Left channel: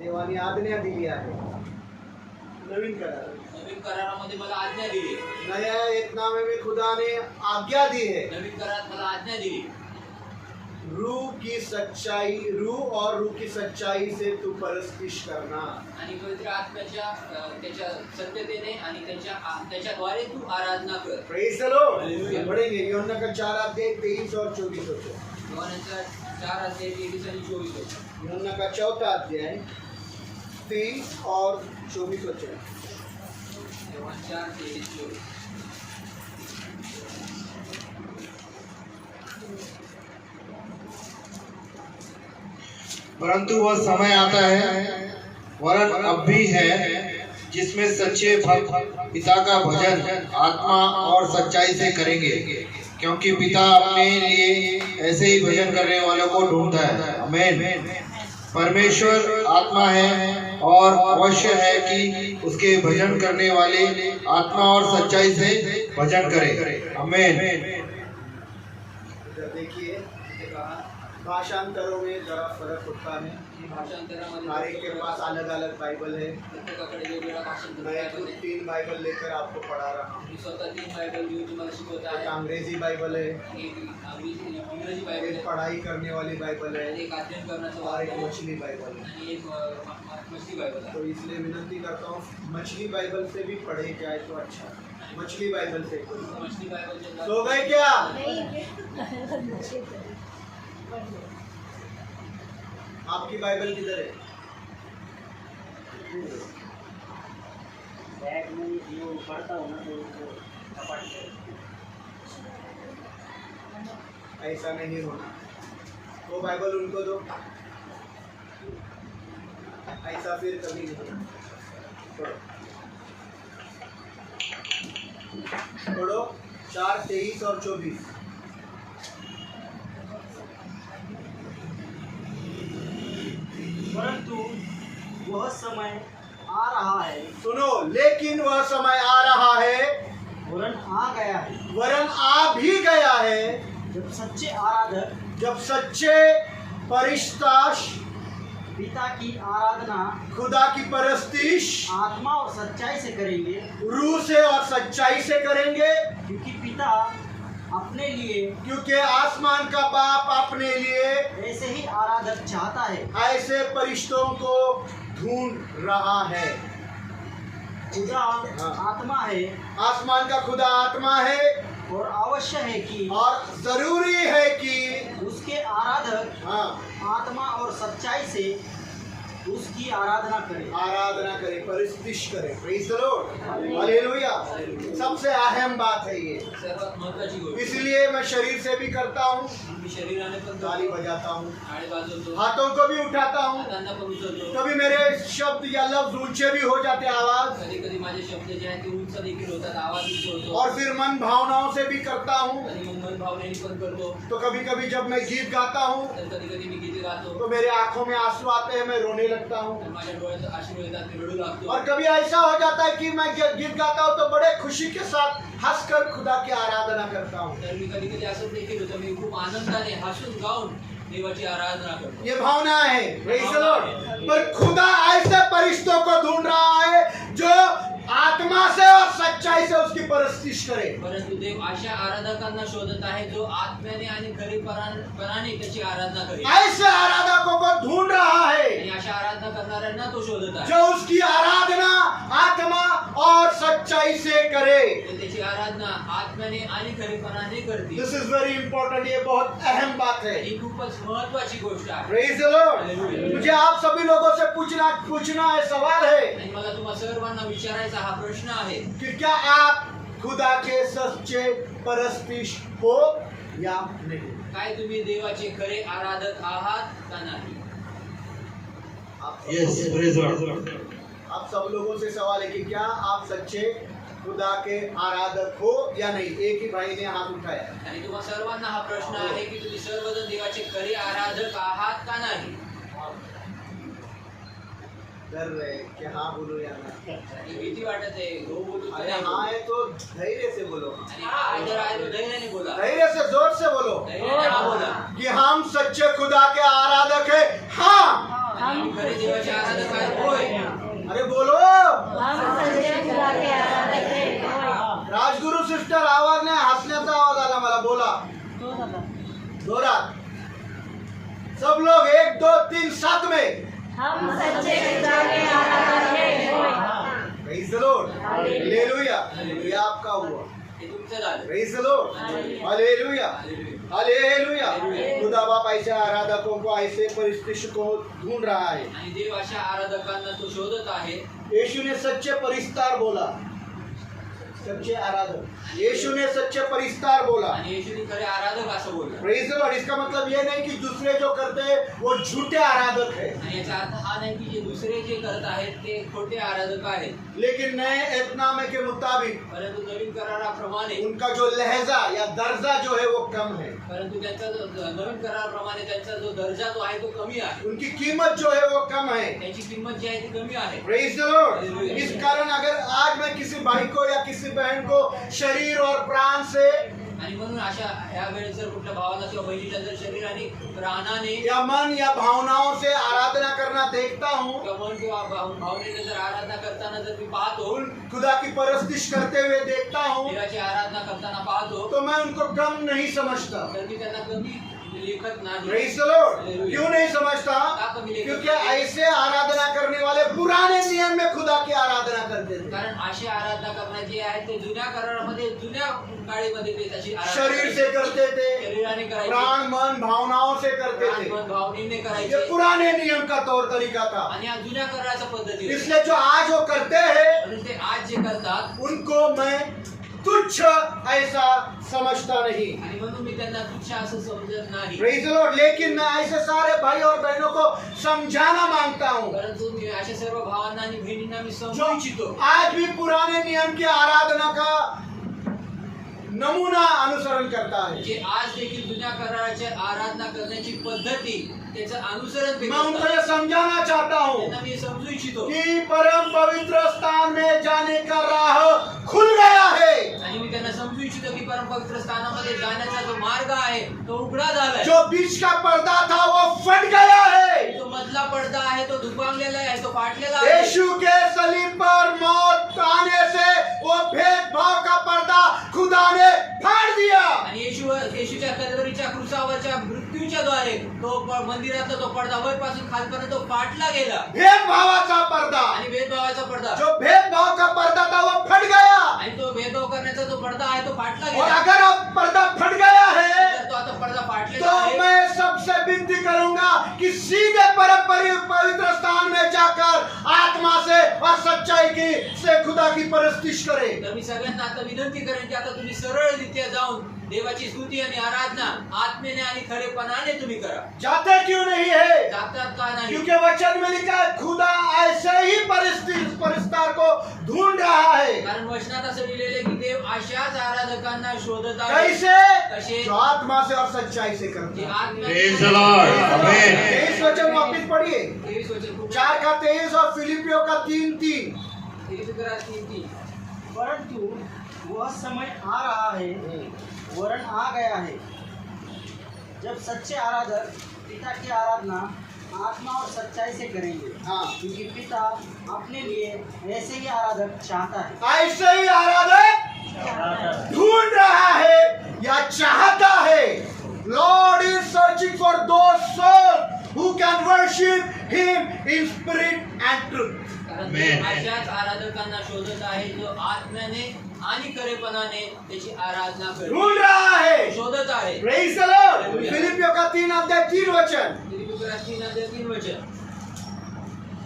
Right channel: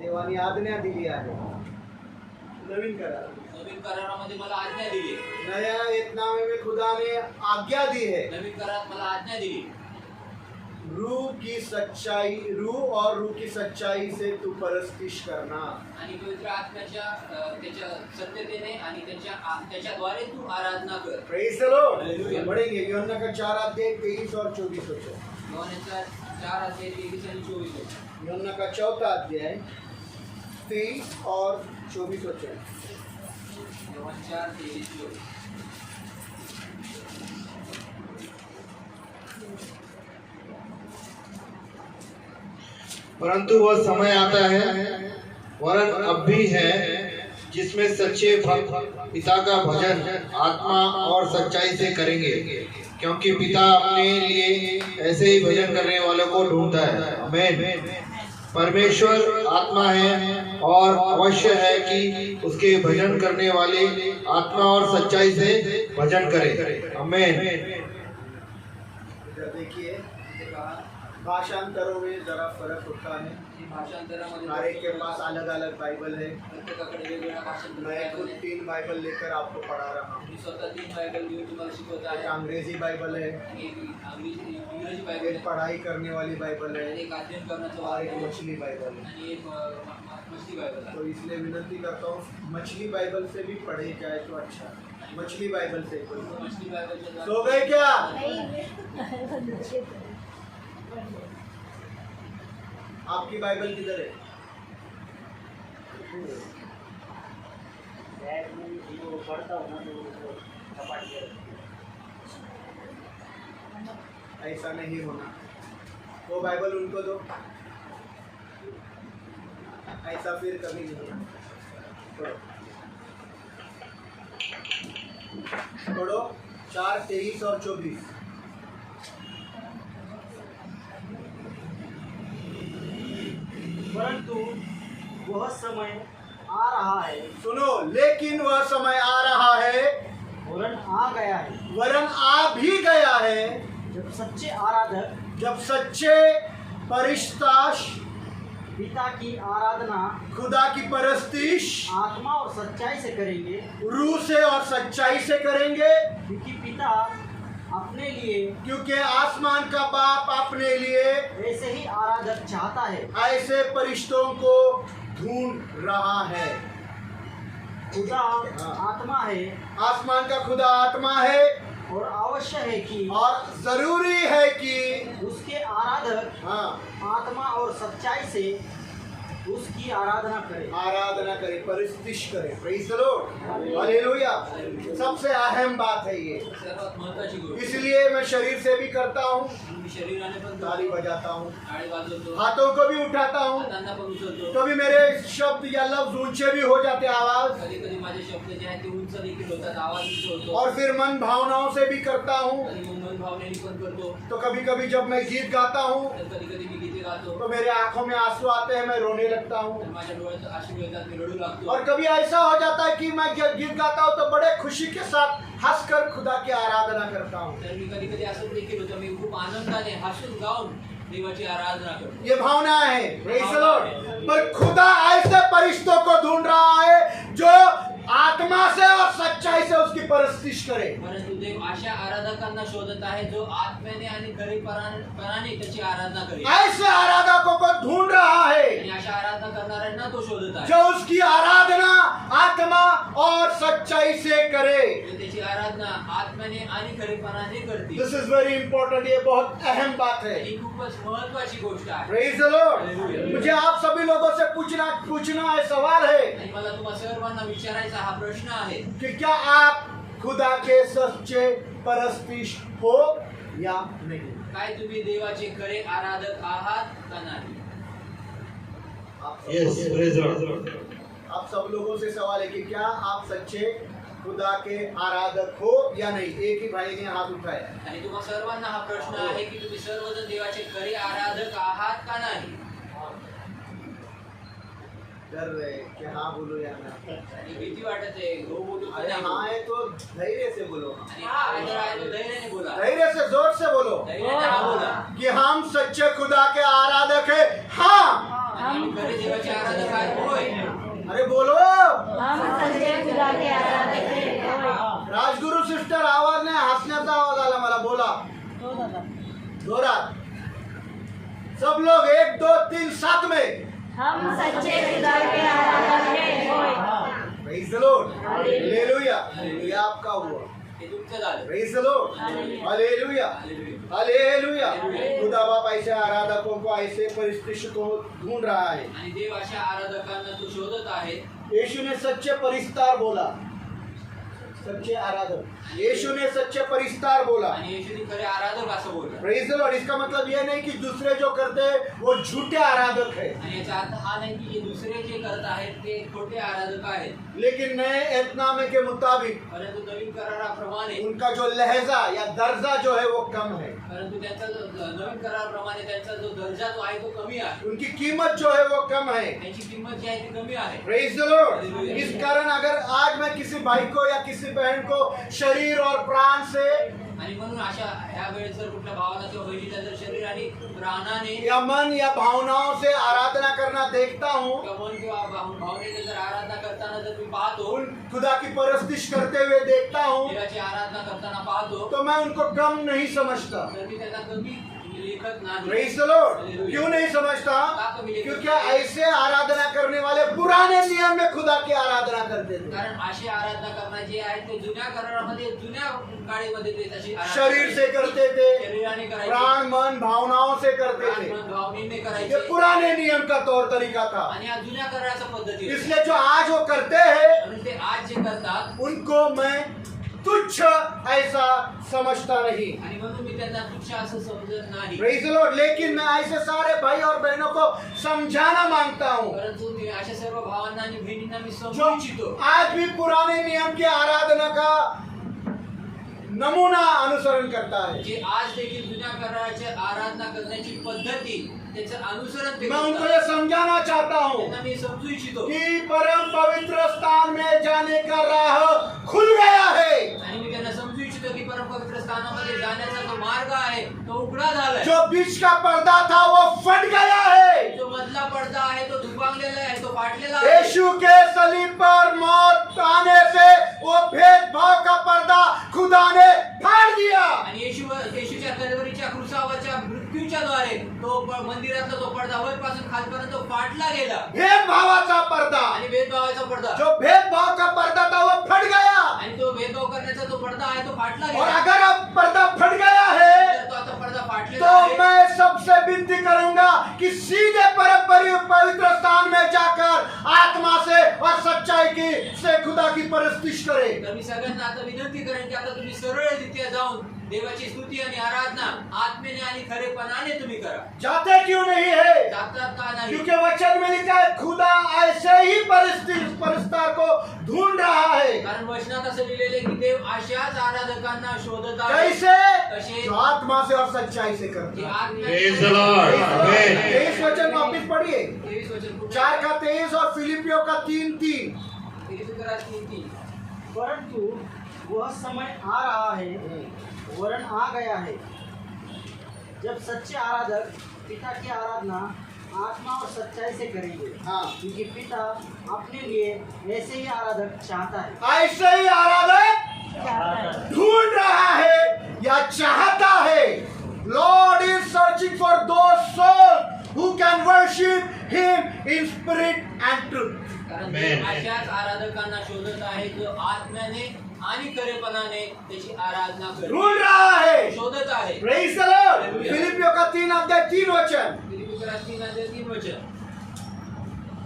देवाने आज्ञा दिली आहे. नवीन करार, नवीन करारामध्ये मला आज्ञा दिली. नया एतनामे में खुदा ने आज्ञा दी है. नवीन करारात मला आज्ञा दिली. रूह की सच्चाई, रूह और रूह की सच्चाई से तू परस्तिश करना. आणि पवित्र आत्म्याच्या त्याच्या सत्यतेने आणि त्याच्याद्वारे तू आराधना कर. Praise the Lord. पढ़ेंगे यूहन्ना का 4 अध्याय 23 और 24 वचन. योहानचा 4 अध्याय 23 आणि 24 वचन. यूहन्ना का 4 अध्याय 23 और 24 वचन. योहान 4 23 24. परंतु वह समय आता है, वरन अब भी है, जिसमें सच्चे भक्त पिता का भजन आत्मा और सच्चाई से करेंगे, क्योंकि पिता अपने लिए ऐसे ही भजन करने वालों को ढूंढता है. आमीन. परमेश्वर आत्मा है और अवश्य है कि उसके भजन करने वाले आत्मा और सच्चाई से भजन करें. आमीन. देखिए भाषांतरों में जरा फर्क होता है. भाषांतरामध्ये हर एक के पास अलग अलग बाइबल है. प्रत्येकाकडे वेगवेगळा भाषांतर मैं खुद आहे. 3 बाइबल लेकर आपको पढ़ा रहा हूँ. मी स्वतः 3 बायबल घेऊन तुम्हाला शिकवत एक आहे. अंग्रेजी बाइबल है, एक इंग्रजी बायबल एक आहे, पढ़ाई करने वाली बाइबल है आणि एक अध्ययन करण्याचं और एक बायबल आहे, मछली बाइबल है. आणि एक मछली बायबल आहे. तो इसलिए विनती करता हूँ मछली बाइबल से भी पढ़े जाए तो अच्छा. मछली बाइबल से मछली बायबलच्या सो गए क्या? आपकी बाइबल किधर है? ऐसा नहीं होना. वो बाइबल उनको दो. ऐसा फिर कभी नहीं होना. पढ़ो 4 23 और 24. परंतु वह समय आ रहा है, सुनो, लेकिन वह समय आ रहा है, वरन आ गया है, वरन आ भी गया है, जब सच्चे आराधक जब सच्चे परिस्ताश पिता की आराधना खुदा की परस्तिश आत्मा और सच्चाई से करेंगे, रूह से और सच्चाई से करेंगे. क्योंकि पिता अपने लिए क्योंकि आसमान का बाप अपने लिए ऐसे ही आराधक चाहता है. ऐसे परिश्तों को ढूंढ रहा है. खुदा आत्मा है आसमान का खुदा आत्मा है और अवश्य है कि और जरूरी है कि उसके आराधक हाँ आत्मा और सच्चाई से उसकी आराधना करें. आराधना करें, परिस्तिश करें. Praise the Lord. हालेलुया. सबसे अहम बात है ये. सर्वात महत्त्वाची गोष्ट. इसलिए मैं शरीर से भी करता हूँ, मी शरीराने पण ताली बजाता हूँ, टाळी वाजवतो, हाथों को भी उठाता हूँ. हातांना पण उचलतो. कभी मेरे शब्द या लफ्ज ऊंचे भी हो जाते आवाज, कधी कधी माझे शब्द जे आहेत ते उंच देखील होतात, आवाज उंच होतो. और फिर मन भावनाओं से भी करता हूँ. कधी मग मन भावनेने पण करतो. तो कभी कभी जब मैं गीत गाता हूँ तर कधी कधी मी गीते गातो, तो मेरे आंखों में आंसू आते हैं, मैं रोने लगता तर हूँ. माझ्या डोळ्यात अश्रू येतात, मी रडू लागतो. और कभी ऐसा हो जाता है कि मैं गीत गाता हूँ तो बड़े खुशी के साथ हंसकर खुदा की आराधना करता हूँ. तर मी कधी कधी असं देखील होतं, मी खूप आनंदाने हसून गाऊन देवाची आराधना करतो. ये भावना है. Praise the Lord. पर खुदा ऐसे परिश्तों को ढूंढ रहा है जो आत्मा से और सच्चाई से उसकी परस्तिश करे. परंतु देव अशा आराधकांना शोधत आहे जो आत्म्याने आणि खरेपणाने त्याची आराधना करेल. ऐसे आराधकों को ढूंढ रहा है आणि अशा आराधना करणाऱ्यांना तो शोधत आहे, जो उसकी आराधना आत्मा और सच्चाई से करे. जो त्याची आराधना आत्म्याने आणि खरेपणाने करतील. दिस इज वेरी इंपॉर्टेंट. ये बहुत अहम बात है. ही खूपच महत्वाची गोष्ट आहे. Praise the Lord. मुझे आप सभी लोगों से पूछना है, सवाल है आणि मला तुम्हा सर्वांना विचारायचा हा प्रश्न आहे कि क्या आप खुदा के सच्चे परस्तिश हो या नहीं. काय तुम्ही देवाचे खरे आराधक आहात का नाही. आप सब Yes, लोगों- praise the Lord. आप सब लोगों से सवाल है कि क्या आप सच्चे खुदा के आराधक हो या नहीं. एक ही भाई ने हाथ उठाया. आणि तुम्हा सर्वांना हा प्रश्न आहे की तुम्ही सर्वजण देवाचे खरे आराधक आहात का नाही. डर रहे कि हाँ बोलो या ना. आणि भीती वाटत आहे, हो बोलू का अरे नाही हाँ बोलू. है तो धैर्य से बोलो. आणि हा जर आहे तो धैर्याने बोला, धैर्य से जोर से बोलो धैर्याने हा बोला. कि हम सच्चे खुदा के आराधक है. हाँ आम्ही खरे देवाचे आराधक आहेत होय. अरे बोलो. हम सच्चे खुदा के आराधक हैं होय. राजगुरु सिस्टर आवाज नाही, हसण्याचा आवाज आला मला. बोला जोरात. सब लोग 1 2 3 7 में. हम सच्चे खुदा के आराधक हैं होय. Praise the Lord. हालेलुया. ये आपका हुआ. हे तुमचं झालं. Praise the Lord. Hallelujah. Hallelujah. खुदा बाप ऐसे आराधकों को, ऐसे परिस्थिति को ढूंढ रहा है. आणि देव अशा आराधकांना तो शोधत आहे. यीशु ने सच्चे परिस्तार बोला. सच्चे आराधक. यीशु ने सच्चे परिस्तार बोला. आणि येशूने खरे आराधक असं बोललं. Praise the Lord. इसका मतलब ये नहीं कि दूसरे जो करते हैं वो झूठे आराधक है, आणि याचा अर्थ हा नाही की जे दुसरे जे करत आहेत ते खोटे आराधक आहेत. लेकिन नए एतनामे के मुताबिक परंतु नवीन कराराप्रमाणे, उनका जो लहजा या दर्जा जो है वो कम है. परंतु त्यांचा जो नवीन कराराप्रमाणे त्यांचा जो दर्जा जो आहे तो कमी आहे. उनकी कीमत जो है वो कम है. त्यांची किंमत जी आहे ती कमी आहे. Praise the Lord. इस कारण अगर आज मैं किसी भाई को या किसी बहन को शरीर और प्राण से आणि म्हणून अशा ह्या वेळेस जर कुठल्या भावाला किंवा बहिणीला जर शरीर आणि प्राणाने या मन या भावनाओं से आराधना करना देखता हूँ, किंवा मन किंवा भावनेने जर आराधना करताना जर मी पाहतो, उन खुदा की परस्तिश करते हुए देखता हूँ, देवाची आराधना करताना पाहतो, तो मैं उनको कम नहीं समझता. तर मी त्यांना कमी लेखत नाही. Praise the Lord. क्यों नहीं समझता? क्योंकि ऐसे आराधना करने वाले पुराने नियम में खुदा की आराधना करते थे. कारण अशी आराधना करणारे जे आहेत ते जुन्या करारामध्ये, जुन्या काळीमध्ये ते तशी आराधना शरीर से करते थे, शरीराने करायचे, प्राण मन भावनाओं से करते थे. मन भावनेने ये करायचे. पुराने नियम का तौर तरीका था. आणि या जुन्या कराराच्या पद्धती होत्या. इसलिए जो आज वो करते हैं म्हणून ते आज जे करतात उनको मैं तुच्छ ऐसा समझता नहीं. आणि म्हणून मी त्यांना तुच्छ असं समजत नाही. Praise the Lord. लेकिन मैं ऐसे सारे भाई और बहनों को समझाना मांगता हूँ परंतु मी अशा सर्व भावांना आणि बहिणींना मी जो समजू इच्छितो आज भी पुराने नियम की आराधना का नमूना अनुसरण करता है. जे आज देखील जुन्या कराराची आराधना करण्याची पद्धती त्याचं अनुसरण ते मैं उनको करतात. ये समझाना चाहता हूँ त्यांना मी समजू इच्छितो कि परम पवित्र स्थान में जाने का राह खुल गया है. आणि मी त्यांना समजू इच्छितो की परम पवित्र स्थानामध्ये जाण्याचा जो मार्ग आहे तो उघडा झालाय. जो बीच का पर्दा था वो फट गया है. जो मधला पडदा आहे तो दुभांगलेला आहे, तो फाटलेला आहे. यीशु के सलीब पर मौत आने से वो भेदभाव का पर्दा खुदा ने फाड़ दिया. आणि येशूच्या कलवरीच्या क्रुसावरच्या मृत्यूच्या द्वारे तो मंदिरातला तो पडदा वरपासून खालपर्यंत तो फाटला गेला. भेदभावाचा पर्दा, आणि भेदभावाचा पडदा, जो भेदभाव का पर्दा था वो फट गया. आणि तो भेदभाव करण्याचा जो पडदा आहे तो फाटला और गेला. अगर अब पर्दा फट गया है जर तो आता पडदा फाटलेला तो आहे, मैं सबसे विनती करूंगा कि सीधे परम पवित्र स्थान में जाकर आत्मा से और सच्चाई की से खुदा की परस्तिश करें. तर मी सगळ्यांना आता विनंती करेन की आता तुम्ही सरळरित्या जाऊन देवाची स्तुती आणि आराधना आत्मेने आणि खरेपणाने तुम्ही करा. जाते क्यों नहीं है? जातात का नाही? क्योंकि वचन में लिखा है खुदा ऐसे ही परिस्तार को ढूंढ रहा है. कारण वचनात असं लिहिलेलं आहे की देव अशाच आराधकांना शोधत आहे. कैसे? कसे? जो आत्मा से और सच्चाई से करते जे हैं. Praise the Lord. Amen. 23 वचन वापिस पढ़िए. 23 वचन कुठे? 4 का 23 और फिलिपियों का 3:3. फिलिपियर 3:3. परंतु वह समय आ रहा है, वरन आ गया है, जब सच्चे आराधक पिता की आराधना आत्मा और सच्चाई से करेंगे. हाँ. क्योंकि पिता अपने लिए ऐसे ही आराधक चाहता है. ऐसे ही आराधक ढूंढ रहा है या चाहता है. Lord is searching for those souls who can worship him in spirit and truth. कारण देव अशाच आराधकांना शोधत आहे जो आत्म्याने आणि खरेपणाने त्याची आराधना करतो. ढूंढ रहा है. शोधत आहे. Praise the Lord. फिलिपियों का 3 अध्याय 3 वचन. फिलिपियर 3:3 वचन.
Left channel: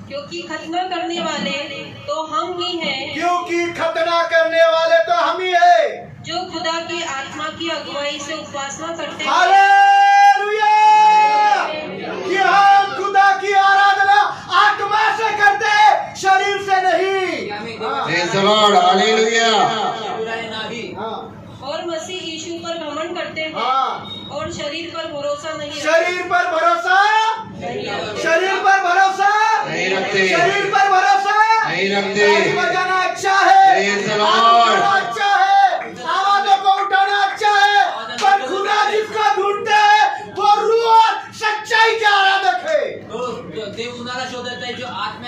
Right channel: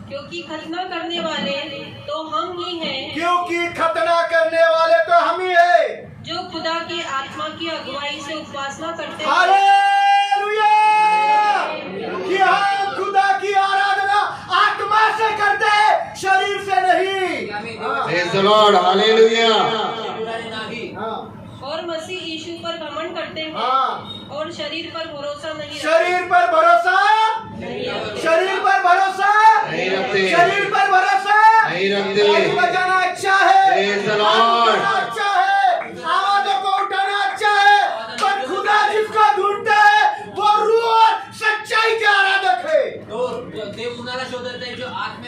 क्योंकि खतना करने वाले तो हम ही हैं क्योंकि खतना करने वाले तो हम ही है जो खुदा की आत्मा की अगुवाई से उपासना करते हैं. हालेलुया. कि हम खुदा की आराधना आत्मा से करते हैं, शरीर से नहीं. हाँ. Praise the Lord. Hallelujah. शरीराने नाही. हाँ. और मसीह यीशु पर घमंड करते हैं हाँ. और शरीर पर भरोसा नहीं रखते. शरीर पर भरोसा, शरीर पर भरोसा नहीं रखते. शरीर पर भरोसा नहीं रखते. ताली बजाना अच्छा है, Praise the Lord. हाथ उठाना अच्छा है, आवाजों को उठाना अच्छा है, पर खुदा जिसको ढूंढते हैं वो रूह और सच्चाई के आराधक है. तो देव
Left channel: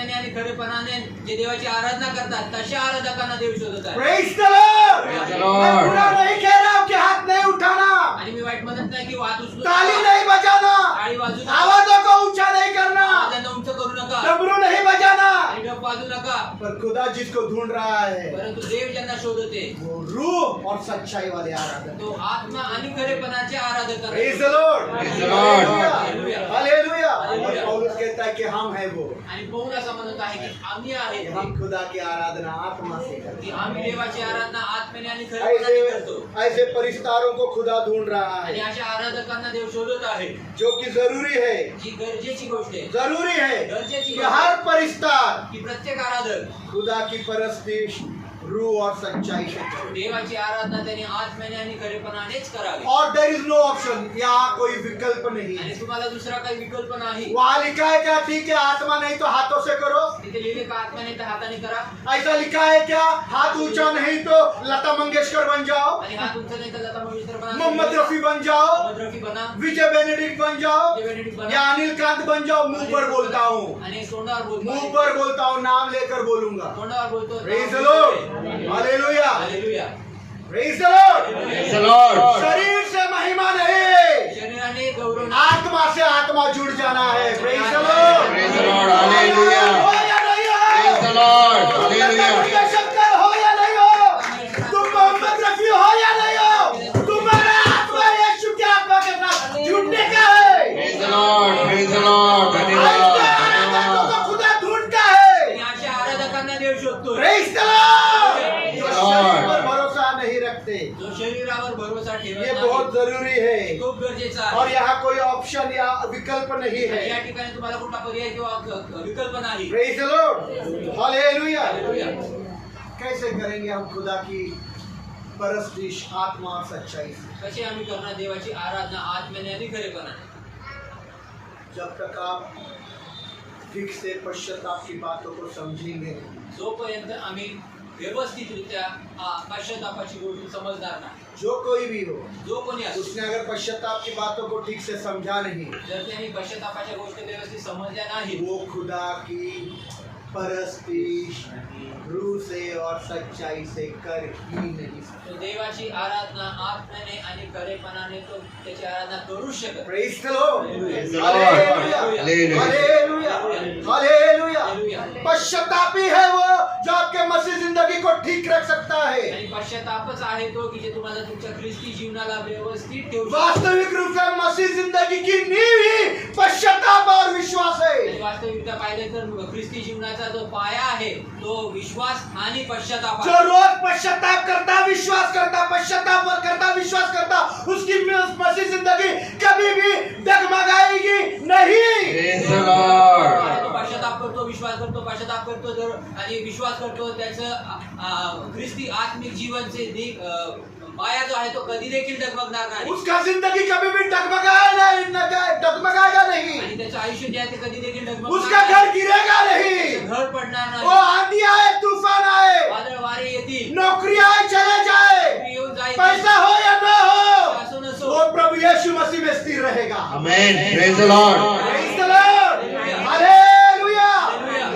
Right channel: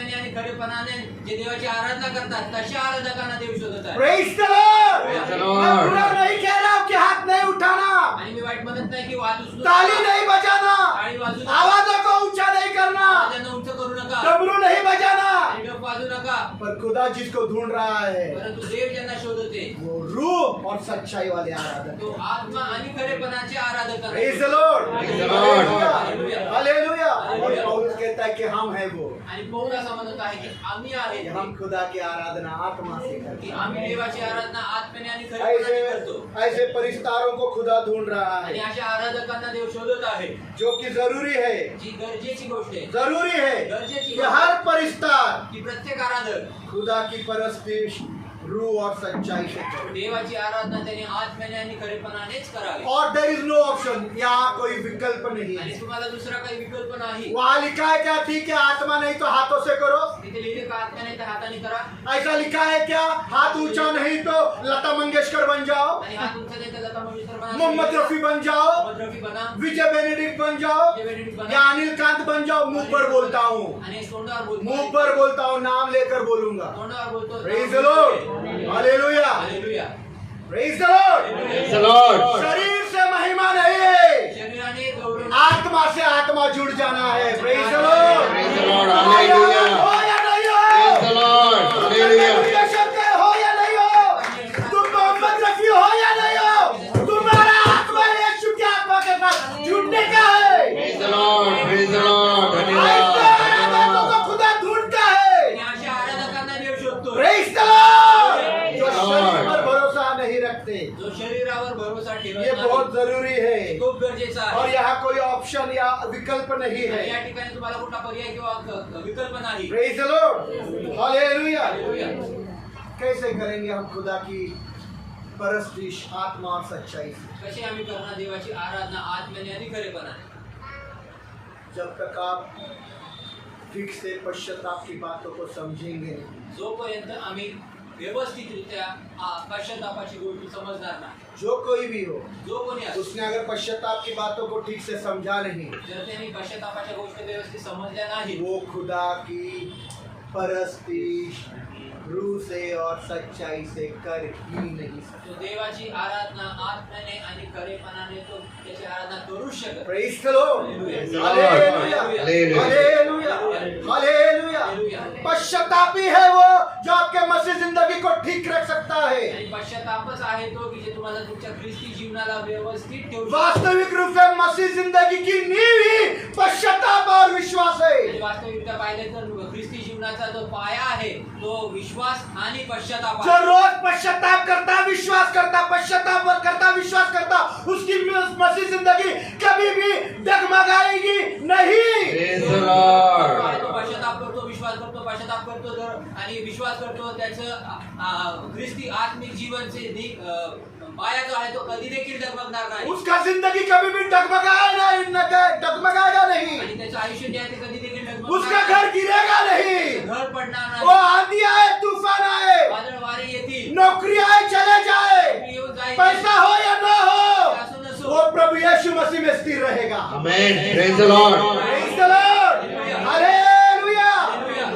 आत्म्याने आणि खरेपणाने जे देवाची आराधना करतात तशा आराधकांना देव शोधत आहे. Praise the Lord. Praise the Lord. मैं बुरा नहीं कह रहा हूँ कि हाथ नहीं उठाना, आणि मी वाईट म्हणत नाही की हात उचलू ताली नका, नहीं बजाना, टाळी वाजू नका, आवाजों को ऊंचा नहीं करना, आवाजांना उंच करू नका, डमरू नहीं बजाना, आणि डफ वाजू नका. पर खुदा जिसको ढूंढ रहा है परंतु देव ज्यांना शोधते वो रूह और सच्चाई वाले आराधक. तो आत्मा आणि खरेपणाचे आराधक आहेत. Praise the Lord. Praise the Lord. Hallelujah. Hallelujah. और पौलुस कहता है कि हम हैं वो, आणि पौल असं म्हणत आहे की आम्ही आहे कि हम खुदा की आराधना आत्मा से की करते आम्ही हैं. देवाची आराधना आत्म्याने आणि खरेपणाने करतो. ऐसे परिस्तारों को खुदा ढूंढ रहा आणि है, अशा आराधकांना देव शोधत आहे. जो कि जरूरी है, जी गरजेची गोष्ट आहे, जरूरी है गरजेची कि गोष्ट हर आहे परिस्तार की प्रत्येक आराधक खुदा की परस्तिश रूह और सच्चाई से करे. देवाची आराधना त्याने आत्म्याने आणि खरेपणानेच करावी. और देर इज नो ऑप्शन, यहाँ कोई विकल्प नहीं आणि है. तुम्हाला दुसरा काही विकल्प नाही. वहाँ लिखा है क्या? ठीक है, आत्मा नहीं तो हाथों से करो. तिथे लिहिले का आत्म्याने तर हाताने करा, ऐसा लिखा है क्या? हाथ ऊंचा नहीं तो लता मंगेशकर बन जाओ, आणि हात उंच नाही तर लता मंगेशकर बना, मोहम्मद रफी बन जाओ, मोहम्मद रफी बना, विजय बेनेडिक्ट बन जाओ, विजय बेनेडिक्ट बना, या अनिल कांत बन जाओ. मुंह पर बोलता हूँ, आणि तोंडावर बोलतो, मुंह पर बोलता हूँ, नाम लेकर बोलूंगा. तोंडावर बोलतो. Praise the Lord. Hallelujah. Hallelujah. Praise the Lord. Praise the Lord. शरीर से महिमा नहीं, शरीराने गौरव आत्मा से आत्मा जुड़ जाना है. Praise the Lord. Praise the Lord. Hallelujah. हो या नहीं हो, Praise the Lord. Hallelujah. Shankar हो या नहीं हो, तुम मोहम्मद रफी हो या नहीं हो, तुम्हारा आत्मा यीशु की आत्मा के साथ जुड़ने का है. Praise the Lord. Praise the Lord. ऐसे आराधकों धन्यवाद. को खुदा ढूंढता है. आणि अशा आराधकांना देव शोधतो. Praise the Lord. जो शरीर पर भरोसा नहीं रखते, जो शरीरावर भरोसा ठेवत ये नाही, बहुत जरूरी है. खूप गरजेचा और आहे. यहाँ कोई ऑप्शन या विकल्प नहीं आणि या है. ठिकाणी तुम्हाला कुठला पर्याय किंवा विकल्प नाही. Praise the Lord. Hallelujah. Hallelujah. कैसे करेंगे हम खुदा की परस्तिश आत्मा और सच्चाई से? कशी आम्ही करणार देवाची आराधना आत्म्याने आणि खरेपणाने? जब तक आप ठीक से पश्चाताप की बातों को समझेंगे, जोपर्यंत आम्ही व्यवस्थितरित्या पश्चातापाची गोष्ट समजणार नाही. जो कोई भी हो, जो कोणी असो, उसने अगर पश्चाताप की बातों को ठीक से समझा नहीं, जर त्यांनी पश्चातापाच्या गोष्टी व्यवस्थित समजल्या नाही, वो खुदा की परस्तिश रूह से और सच्चाई से कर ही नहीं सकता. तो देवाची आराधना आत्म्याने आणि खरेपणाने तो त्याची आराधना करू शकत. Praise the Lord. Praise the Hallelujah. Lord. Hallelujah. Hallelujah. Hallelujah. पश्चातापी है वो जो आपके मसीह जिंदगी को ठीक रख सकता है. आणि पश्चातापच आहे तो की जे तुम्हाला तुमच्या ख्रिस्ती जीवनाला व्यवस्थित ठेवू शकतो. वास्तविक रूप से मसीह जिंदगी की नींव ही पश्चाताप और विश्वास है. आणि वास्तविकता पाहिलं तर ख्रिस्ती जीवनाचा जो पाया आहे तो विश्वास आणि पश्चाताप जो आहे. रोज पश्चाताप करता, विश्वास करता, पश्चाताप करता, विश्वास करता, उसकी मसीह जिंदगी कभी भी डगमगाएगी नहीं. Praise the Lord. आणि तो पश्चाताप करतो, विश्वास करतो, पश्चाताप करतो जर आणि विश्वास करतो त्याचं ख्रिस्ती आत्मिक जीवनचे पाया जो आहे तो कधी देखील डगमगणार नाही. उसका जिंदगी कभी भी डगमगाएगा नहीं. आणि त्याचं आयुष्य जे आहे ते कधी देखील उसका डगमगणार घर गिरेगा नहीं. घर पडणार वो नाही. आंधी आए, तूफान आए, वादळ वारे येतील, नौकरी आए, चले जाए, येऊन जाईल, पैसा हो या ना हो, असो नसो, वो प्रभु यीशु मसीह में स्थिर रहेगा. Amen. Praise the Lord. Praise the Lord. Hallelujah.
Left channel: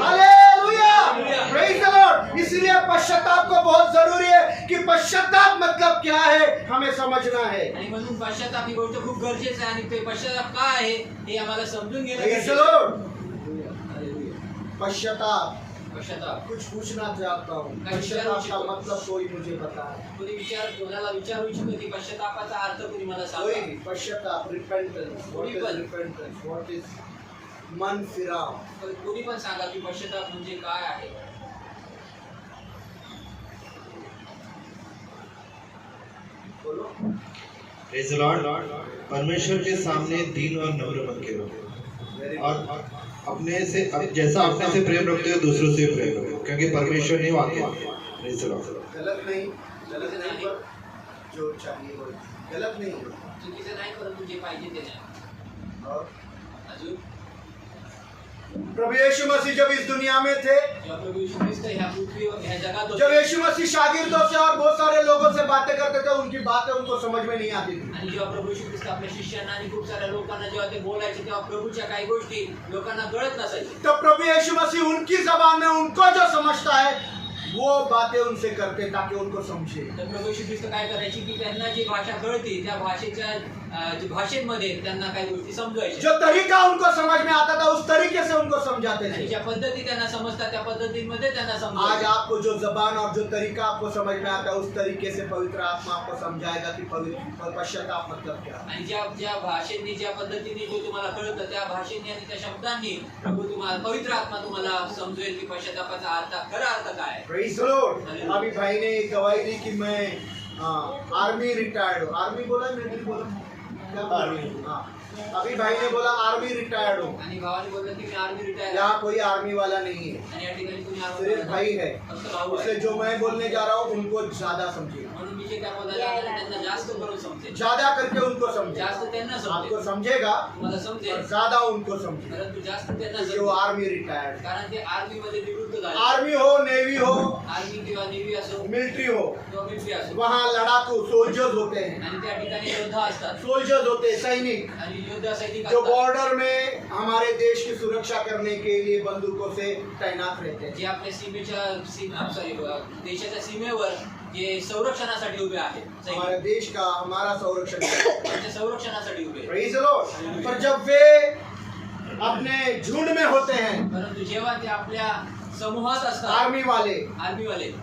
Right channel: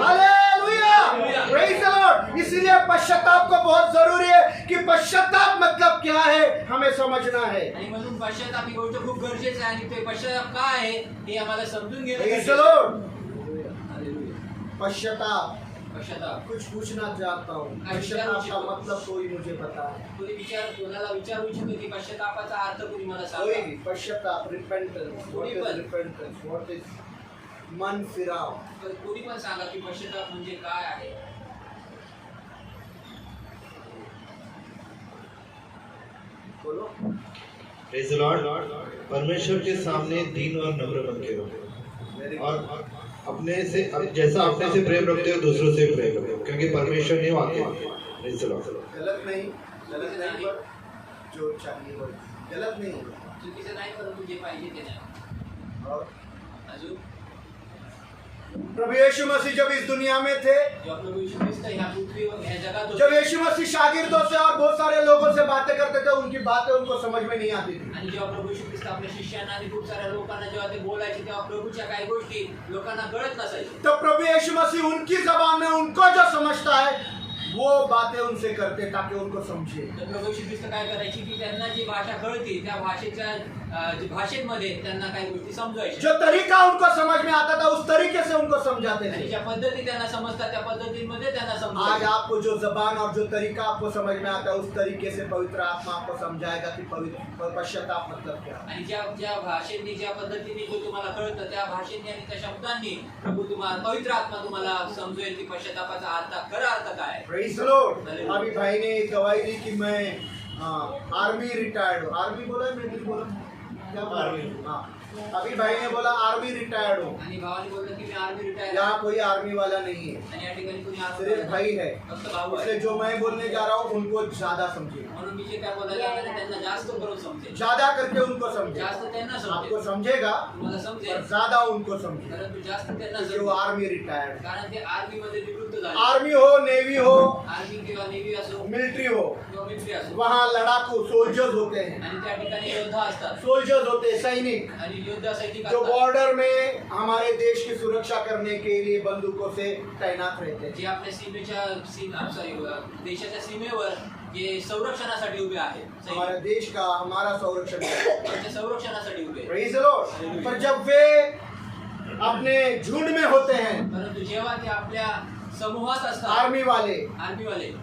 Hallelujah. Praise the Lord. इसलिए पश्चाताप को बहुत जरूरी है कि पश्चाताप मतलब क्या है हमें समझना है. आणि म्हणून पश्चाताप ही गोष्ट खूप गरजेचं आहे आणि ते पश्चाताप काय आहे हे आम्हाला समजून घेणं Praise the गरजेचं आहे. Lord. पश्चाताप पश्चाताप कुछ पूछना चाहता हूँ. पश्चाताप का मतलब कोई मुझे बताए. कोणाला विचारू इच्छितो की पश्चातापाचा अर्थ कोणी मला कोई सांगा. भी repentance. What is repentance? What is मन फिराव? कोणी पण सांगा की पश्चाताप म्हणजे काय आहे. बोलो. Praise the Lord. परमेश्वर के सामने दीन और नम्र बन के रहो Very और good. अपने से जैसा अपने से प्रेम रखते हो दूसरों से प्रेम रखो क्योंकि परमेश्वर नहीं वाक्य है. Praise the Lord. गलत नहीं पर जो चाहिए वो गलत नहीं. चुकीचं नाही परंतु जे पाहिजे ते नाही. और अजून प्रभु यीशु मसीह जब इस दुनिया में थे, जेव्हा प्रभू येशू ख्रिस्त ह्या पृथ्वी ह्या जगात जब होते यीशु मसीह शागिर्दों से और बहुत सारे लोगों से बातें करते थे, उनकी बातें उनको समझ में नहीं आती थी। आणि जेव्हा प्रभू येशू ख्रिस्त आपल्या शिष्यांना आणि खूप साऱ्या लोकांना जेव्हा ते बोलायचे तेव्हा प्रभूच्या काही गोष्टी लोकांना कळत नसायच्या. तो प्रभु यीशु मसीह उनकी जबान में उनको जो समझता है वो बातें उनसे करते ताकि उनको समझे। तर प्रभू येशू ख्रिस्त काय करायची की त्यांना जी भाषा कळती त्या भाषेच्या भाषेमध्ये त्यांना काही गोष्टी समजवायच्या. जो तरीका उनको समझ में आता था उस तरीके से उनको समझाते आणि थे। ज्या पद्धती त्यांना समजतात त्या पद्धतींमध्ये त्यांना आज समजवायच्या. आपको जो जबान और जो तरीका आपको समझ में आता है उस तरीके से पवित्र आत्मा आपको समझाएगा कि पवित्र पश्चाताप मतलब क्या है। आणि ज्या ज्या भाषेने ज्या पद्धतीने जो तुम्हाला कळतं त्या भाषेने आणि त्या शब्दांनी प्रभू तुम्हाला पवित्र आत्मा तुम्हाला समजवेल की पश्चातापाचा अर्थ खरा अर्थ काय आहे. Praise the Lord. अभी भाई ने गवाही दी कि मैं आर्मी रिटायर्ड हूँ। आर्मी बोला मिलिट्री बोला क्या आर्मी? हाँ, अभी भाई ने बोला आर्मी रिटायर्ड हूँ। आणि भावाने बोललं की मी आर्मी रिटायर यहाँ कोई आर्मी वाला नहीं है, आणि या ठिकाणी कुणी आर्मी सिर्फ भाई है। फक्त भाऊ इसलिए आहे. जो मैं बोलने जा रहा हूँ उनको ज्यादा समझिए, म्हणून मी जे काय बोलायला लागले त्यांना जास्त करून समजेल, ज्यादा करके उनको समझे। जास्त त्यांना आपको समजेल, समझेगा तुम्हाला और समजेल, ज्यादा उनको समझे, परंतु जास्त त्यांना क्योंकि वो समजेल आर्मी रिटायर्ड, कारण ते आर्मी मध्ये निवृत्त झाले. आर्मी हो, नेवी हो, आर्मी किंवा नेव्ही असो मिलिट्री हो, किंवा मिलिटरी असो वहाँ लड़ाकू सोल्जर्स होते हैं, आणि त्या ठिकाणी योद्धा असतात सोल्जर्स होते हैं, सैनिक आणि योद्धा सैनिक जो असतात बॉर्डर में हमारे देश की सुरक्षा करने के लिए बंदूकों से तैनात रहते हैं। जे आपल्या देशाच्या सीमेवर जे संरक्षणासाठी उभे आहेत हमारे सैनिक, देश का हमारा संरक्षण करते हैं। त्यांच्या संरक्षणासाठी उभे आहेत. Praise the Lord। पर जब वे अपने झुंड में होते हैं, परंतु जेव्हा ते आपल्या समूहात असतात आर्मी वाले, आर्मी वाले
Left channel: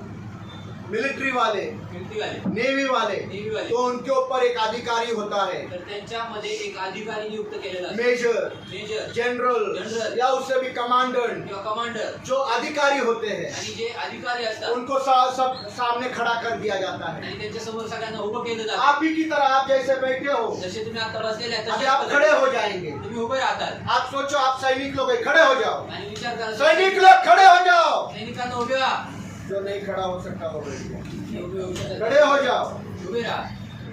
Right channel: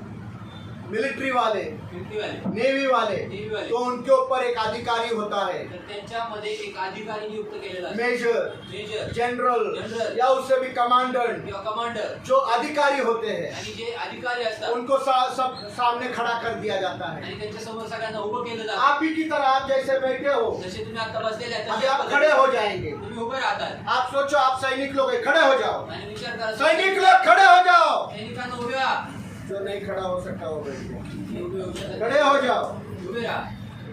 मिलिट्री वाले, मिलिटरी वाले नेवी वाले, नेव्ही वाले, तो उनके ऊपर एक अधिकारी होता है, तर त्यांच्यामध्ये एक अधिकारी नियुक्त केलेला असतो. मेजर, मेजर जनरल जनरल या उससे भी कमांडेंट, किंवा कमांडर जो अधिकारी होते हैं आणि जे अधिकारी असतात उनको सब सामने खड़ा कर दिया जाता है। आणि त्यांच्या समोर सगळ्यांना उभं केलं जातं. आप ही की तरह आप जैसे बैठे हो, जसे तुम्ही आता बसलेले आहे अभी तशाच आप पद्धतीने खड़े हो जाएंगे। तुम्ही उभे राहतात आप सोचो आप सैनिक लोग हैं, खड़े हो जाओ, आणि विचार करा सैनिक लोग खड़े हो जाओ। सैनिकांना उभे राहा. जो नहीं खड़ा हो सकता वो बैठ जाए। हे उभे होऊ शकत खड़े हो जाओ। नाही. उभे राहा.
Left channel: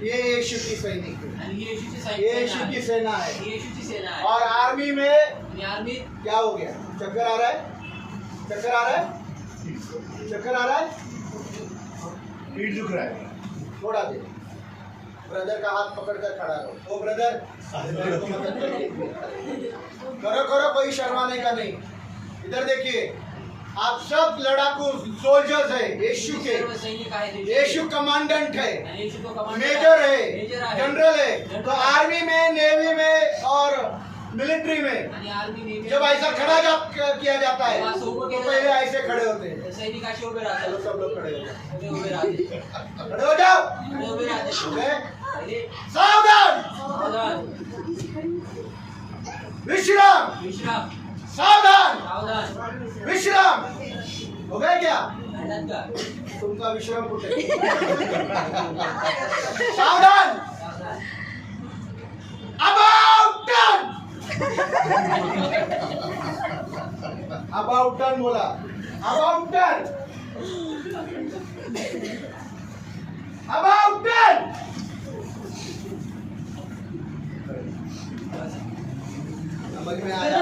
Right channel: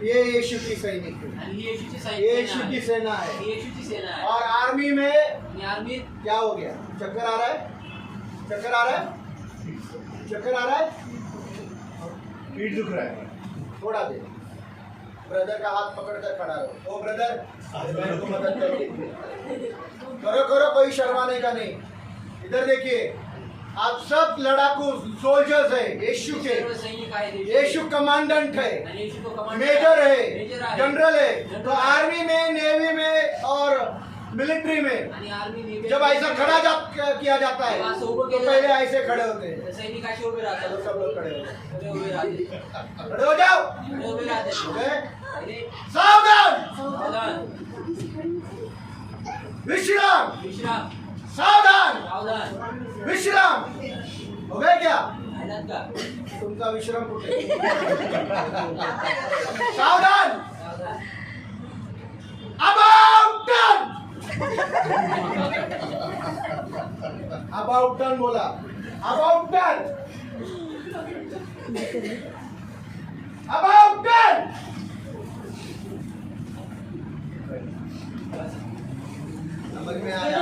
ये यीशु की सैनिक है, आणि ही येशूची ये यीशु की सेना सेना आहे. है। ही येशूची सेना आहे. और आर्मी में आणि आर्मीत क्या हो गया? चक्कर आ रहा है, चक्कर आ रहा है, चक्कर आ रहा है, पीठ दुख रहा है, थोड़ा दे। ब्रदर का हाथ पकड़ कर खड़ा रहो। ओ ब्रदर, मेरे को मदद करिए। करो करो, कोई शर्माने का नहीं। इधर देखिए, आप सब लड़ाकू सोल्जर्स है यीशु के। सर्व सैनिक आहेत. यीशु कमांडेंट है, आणि येशू तो कमांडर मेजर मेजर है, आहे. जनरल है। तो आर्मी में, नेवी में और मिलिट्री में आणि आर्मी नेव्ही जब ऐसा किया जाता है तो पहले ऐसे खड़े होते हैं। सैनिक असे उभे चलो राहतात. सब लोग खड़े हो जाओ, ते उभे राहतात. खड़े हो जाओ। ते उभे राहतात. ओके? पहिले सावधान, सावधान, विश्राम, विश्राम, सावधान, सावधान. विश्राम। हो गए क्या? आनंद का तुमचा विश्राम कुठे? सावधान, सावधान. अबाउट टर्न, अबाउट टर्न बोला, अबाउट टर्न, अबाउट टर्न। समझ में आया?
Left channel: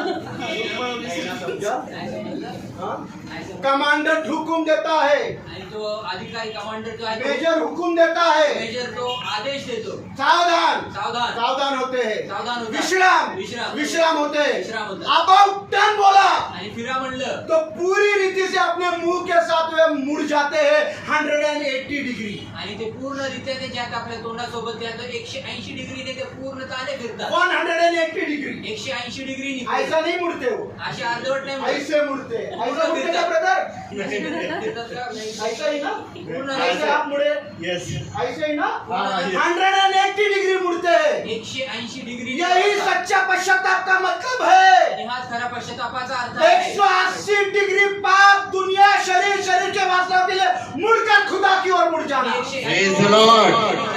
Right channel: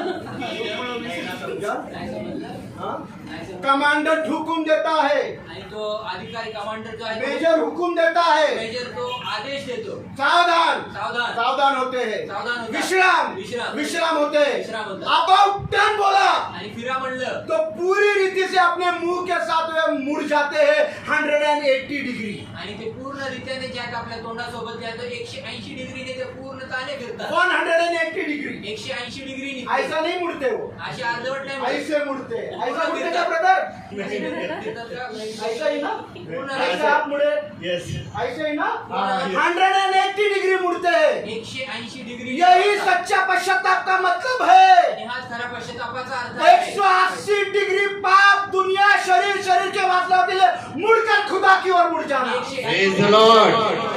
समझा? नाही समजलं? हाँ? नाही समजलं? कमांडर हुकुम देता है, आणि तो अधिकारी कमांडर जो आहे तो- मेजर हुकुम देता है, मेजर तो आदेश देतो. सावधान, सावधान, सावधान होते हैं, सावधान होता. विश्राम, विश्राम. विश्राम होते हैं। विश्राम होता. अबाउट टर्न बोला आणि फिरा म्हणलं तो पूरी रीति से अपने मुंह के साथ वे मुड़ जाते हैं 180 डिग्री। आणि ते पूर्ण रित्याने ज्या आपल्या तोंडासोबत त्या तो 180 डिग्रीने ते पूर्ण चाले फिरतात. 180 डिग्री 180 डिग्री ऐसा नहीं मुड़ते वो, अशी अर्धवट नाही म्हणत. ऐसे मुड़ते हैं। ऐसा मुड़ते क्या ब्रदर? फिरतात का? नाही. ऐसा ही ना, पूर्ण ऐसे आप मुड़े, यस ऐसे ही ना, हाँ, 180 डिग्री मुड़ते हैं। 180 डिग्री. यही सच्चा पश्चाताप का मतलब है। आणि हाच खरा पश्चातापाचा अर्थ आहे. 180 डिग्री पाप दुनिया शरीर के वास्तव के लिए मुड़कर खुदा की ओर मुड़ जाना। 180 Praise the Lord.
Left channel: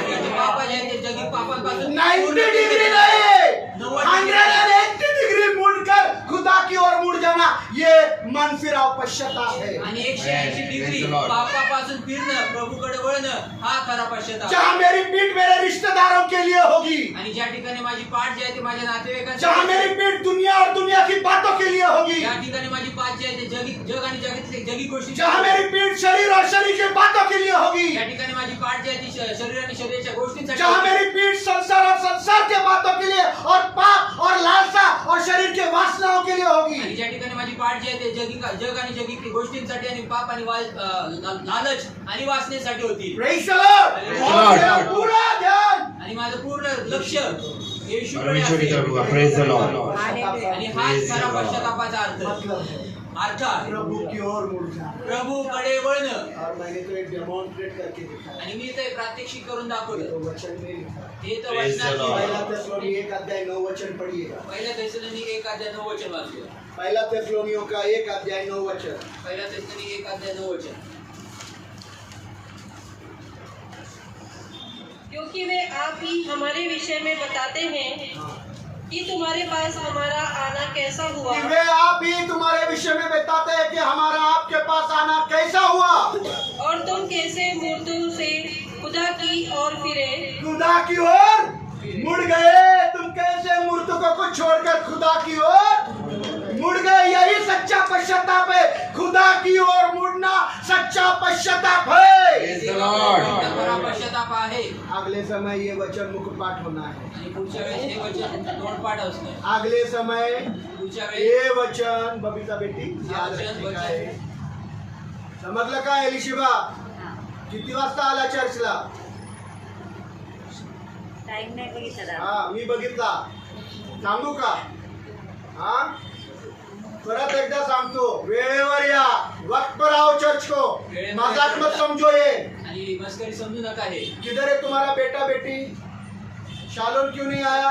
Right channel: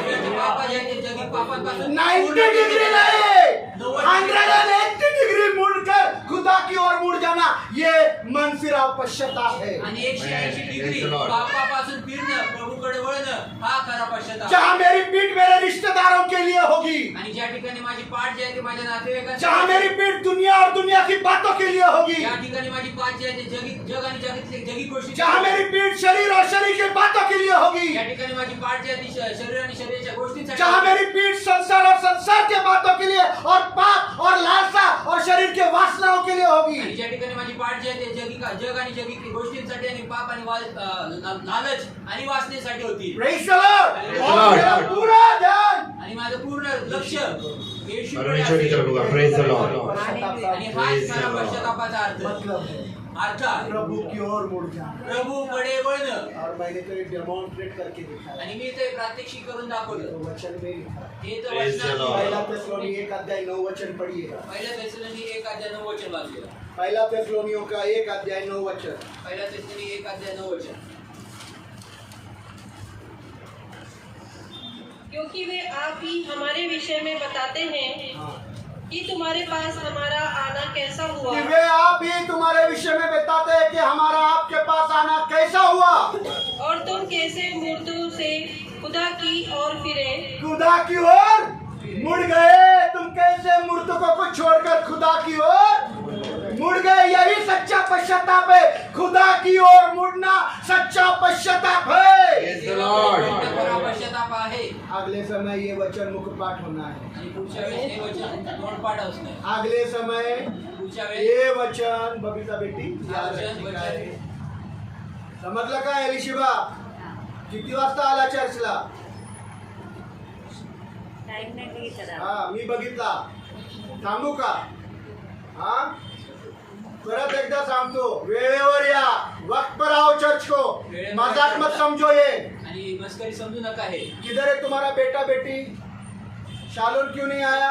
जे पाप आहे ते जगी पापांपासून 90 डिग्री नहीं, 180 डिग्री मुड़कर खुदा की ओर मुड़ जाना, ये मन फिराव पश्चाताप है। आणि 180 डिग्री Praise the Lord. पापापासून फिरणं, प्रभूकडे वळणं हा खरा पश्चाताप. जहाँ मेरी पीठ मेरे रिश्तेदारों के लिए होगी, आणि ज्या ठिकाणी माझी पाठ जी आहे ती माझ्या नातेवाईकांसाठी, जहाँ मेरी पीठ दुनिया और दुनिया की बातों के लिए होगी, ज्या ठिकाणी माझी पाठ जी आहे ती जग आणि जगातली जगी गोष्टी, जहाँ मेरी पीठ शरीर और शरीर की बातों के लिए होगी, ज्या ठिकाणी माझी पाठ जी आहे ती शरीर आणि शरीराच्या गोष्टींसाठी, जहाँ मेरी पीठ संसार और संसार के बातों के लिए और पाप और लालसा और शरीर के वासनाओं के लिए आणि होगी, ज्या ठिकाणी माझी पाठ जी आहे ते जग आणि जगी गोष्टींसाठी आणि पाप आणि लालच आणि वासनेसाठी होती. Praise the Lord. और मेरा पूरा ध्यान आणि माझं पूर्ण लक्ष येशूकडे परमेश्वर की तरफ असेल. होगा। Praise the Lord. आणि हाच खरा पश्चातापाचा अर्थ मतलब है अर्थ आहे. प्रभु की ओर मुड़ जाना। प्रभूकडे वळणं. और मैंने तो एक डेमोन्स्ट्रेट करके दिखाया, आणि मी ते प्रात्यक्षिक करून तो दाखवलं. वचन में लिखा। हे तर Praise the वचनात Lord. पहला लिहिलं. थिस्सलुनीय 1 अध्याय 9 वचन पढ़िएगा। पहिल्या तेसलोनी 1 अध्याय 9 वचन वाचलं. पहला थिस्सलुनियों का 1 अध्याय 9 वचन। पहिल्या तेसलोनी 1 अध्याय 9 वचन. क्योंकि वे आप ही हमारे विषय में बताते हैं हाँ। कि तुम्हारे पास हमारा आना कैसा हुआ कि वे आप ही तुम्हारे विषय में बताते हैं कि हमारा आपके पास आना कैसा हुआ, और तुम कैसे मृत्यु से खुदा की ओर फिरे खुदा की ओर मुड़ गए। तुम कैसे मृतकों को छोड़कर खुदा की ओर मुड़ गए। यही सच्चा पश्चाताप है। खुदा की ओर मुड़ना सच्चा पश्चाताप है। Praise the Lord. हा खरा पश्चाताप आहे. अगले समय ये वचन मुखपाठ होना है। आणि पुढच्या वेळेस हे वचन तोंडपाठ असणं. अगले समय पुढच्या वेळेस ये वचन बबीता बेटी याद रखने का आहे। समजलं का एलिशिबा? किती वाजता आला चर्चला? हा मी बघितला। सांगू का? हा परत एकदा सांगतो, वेळेवर या, वक्त पर आओ चर्च को, मजाक मत समझो ये। आणि मस्करी समजू नका हे. किधर है तुम्हारा बेटा बेटी? शालोन क्यों नहीं आया?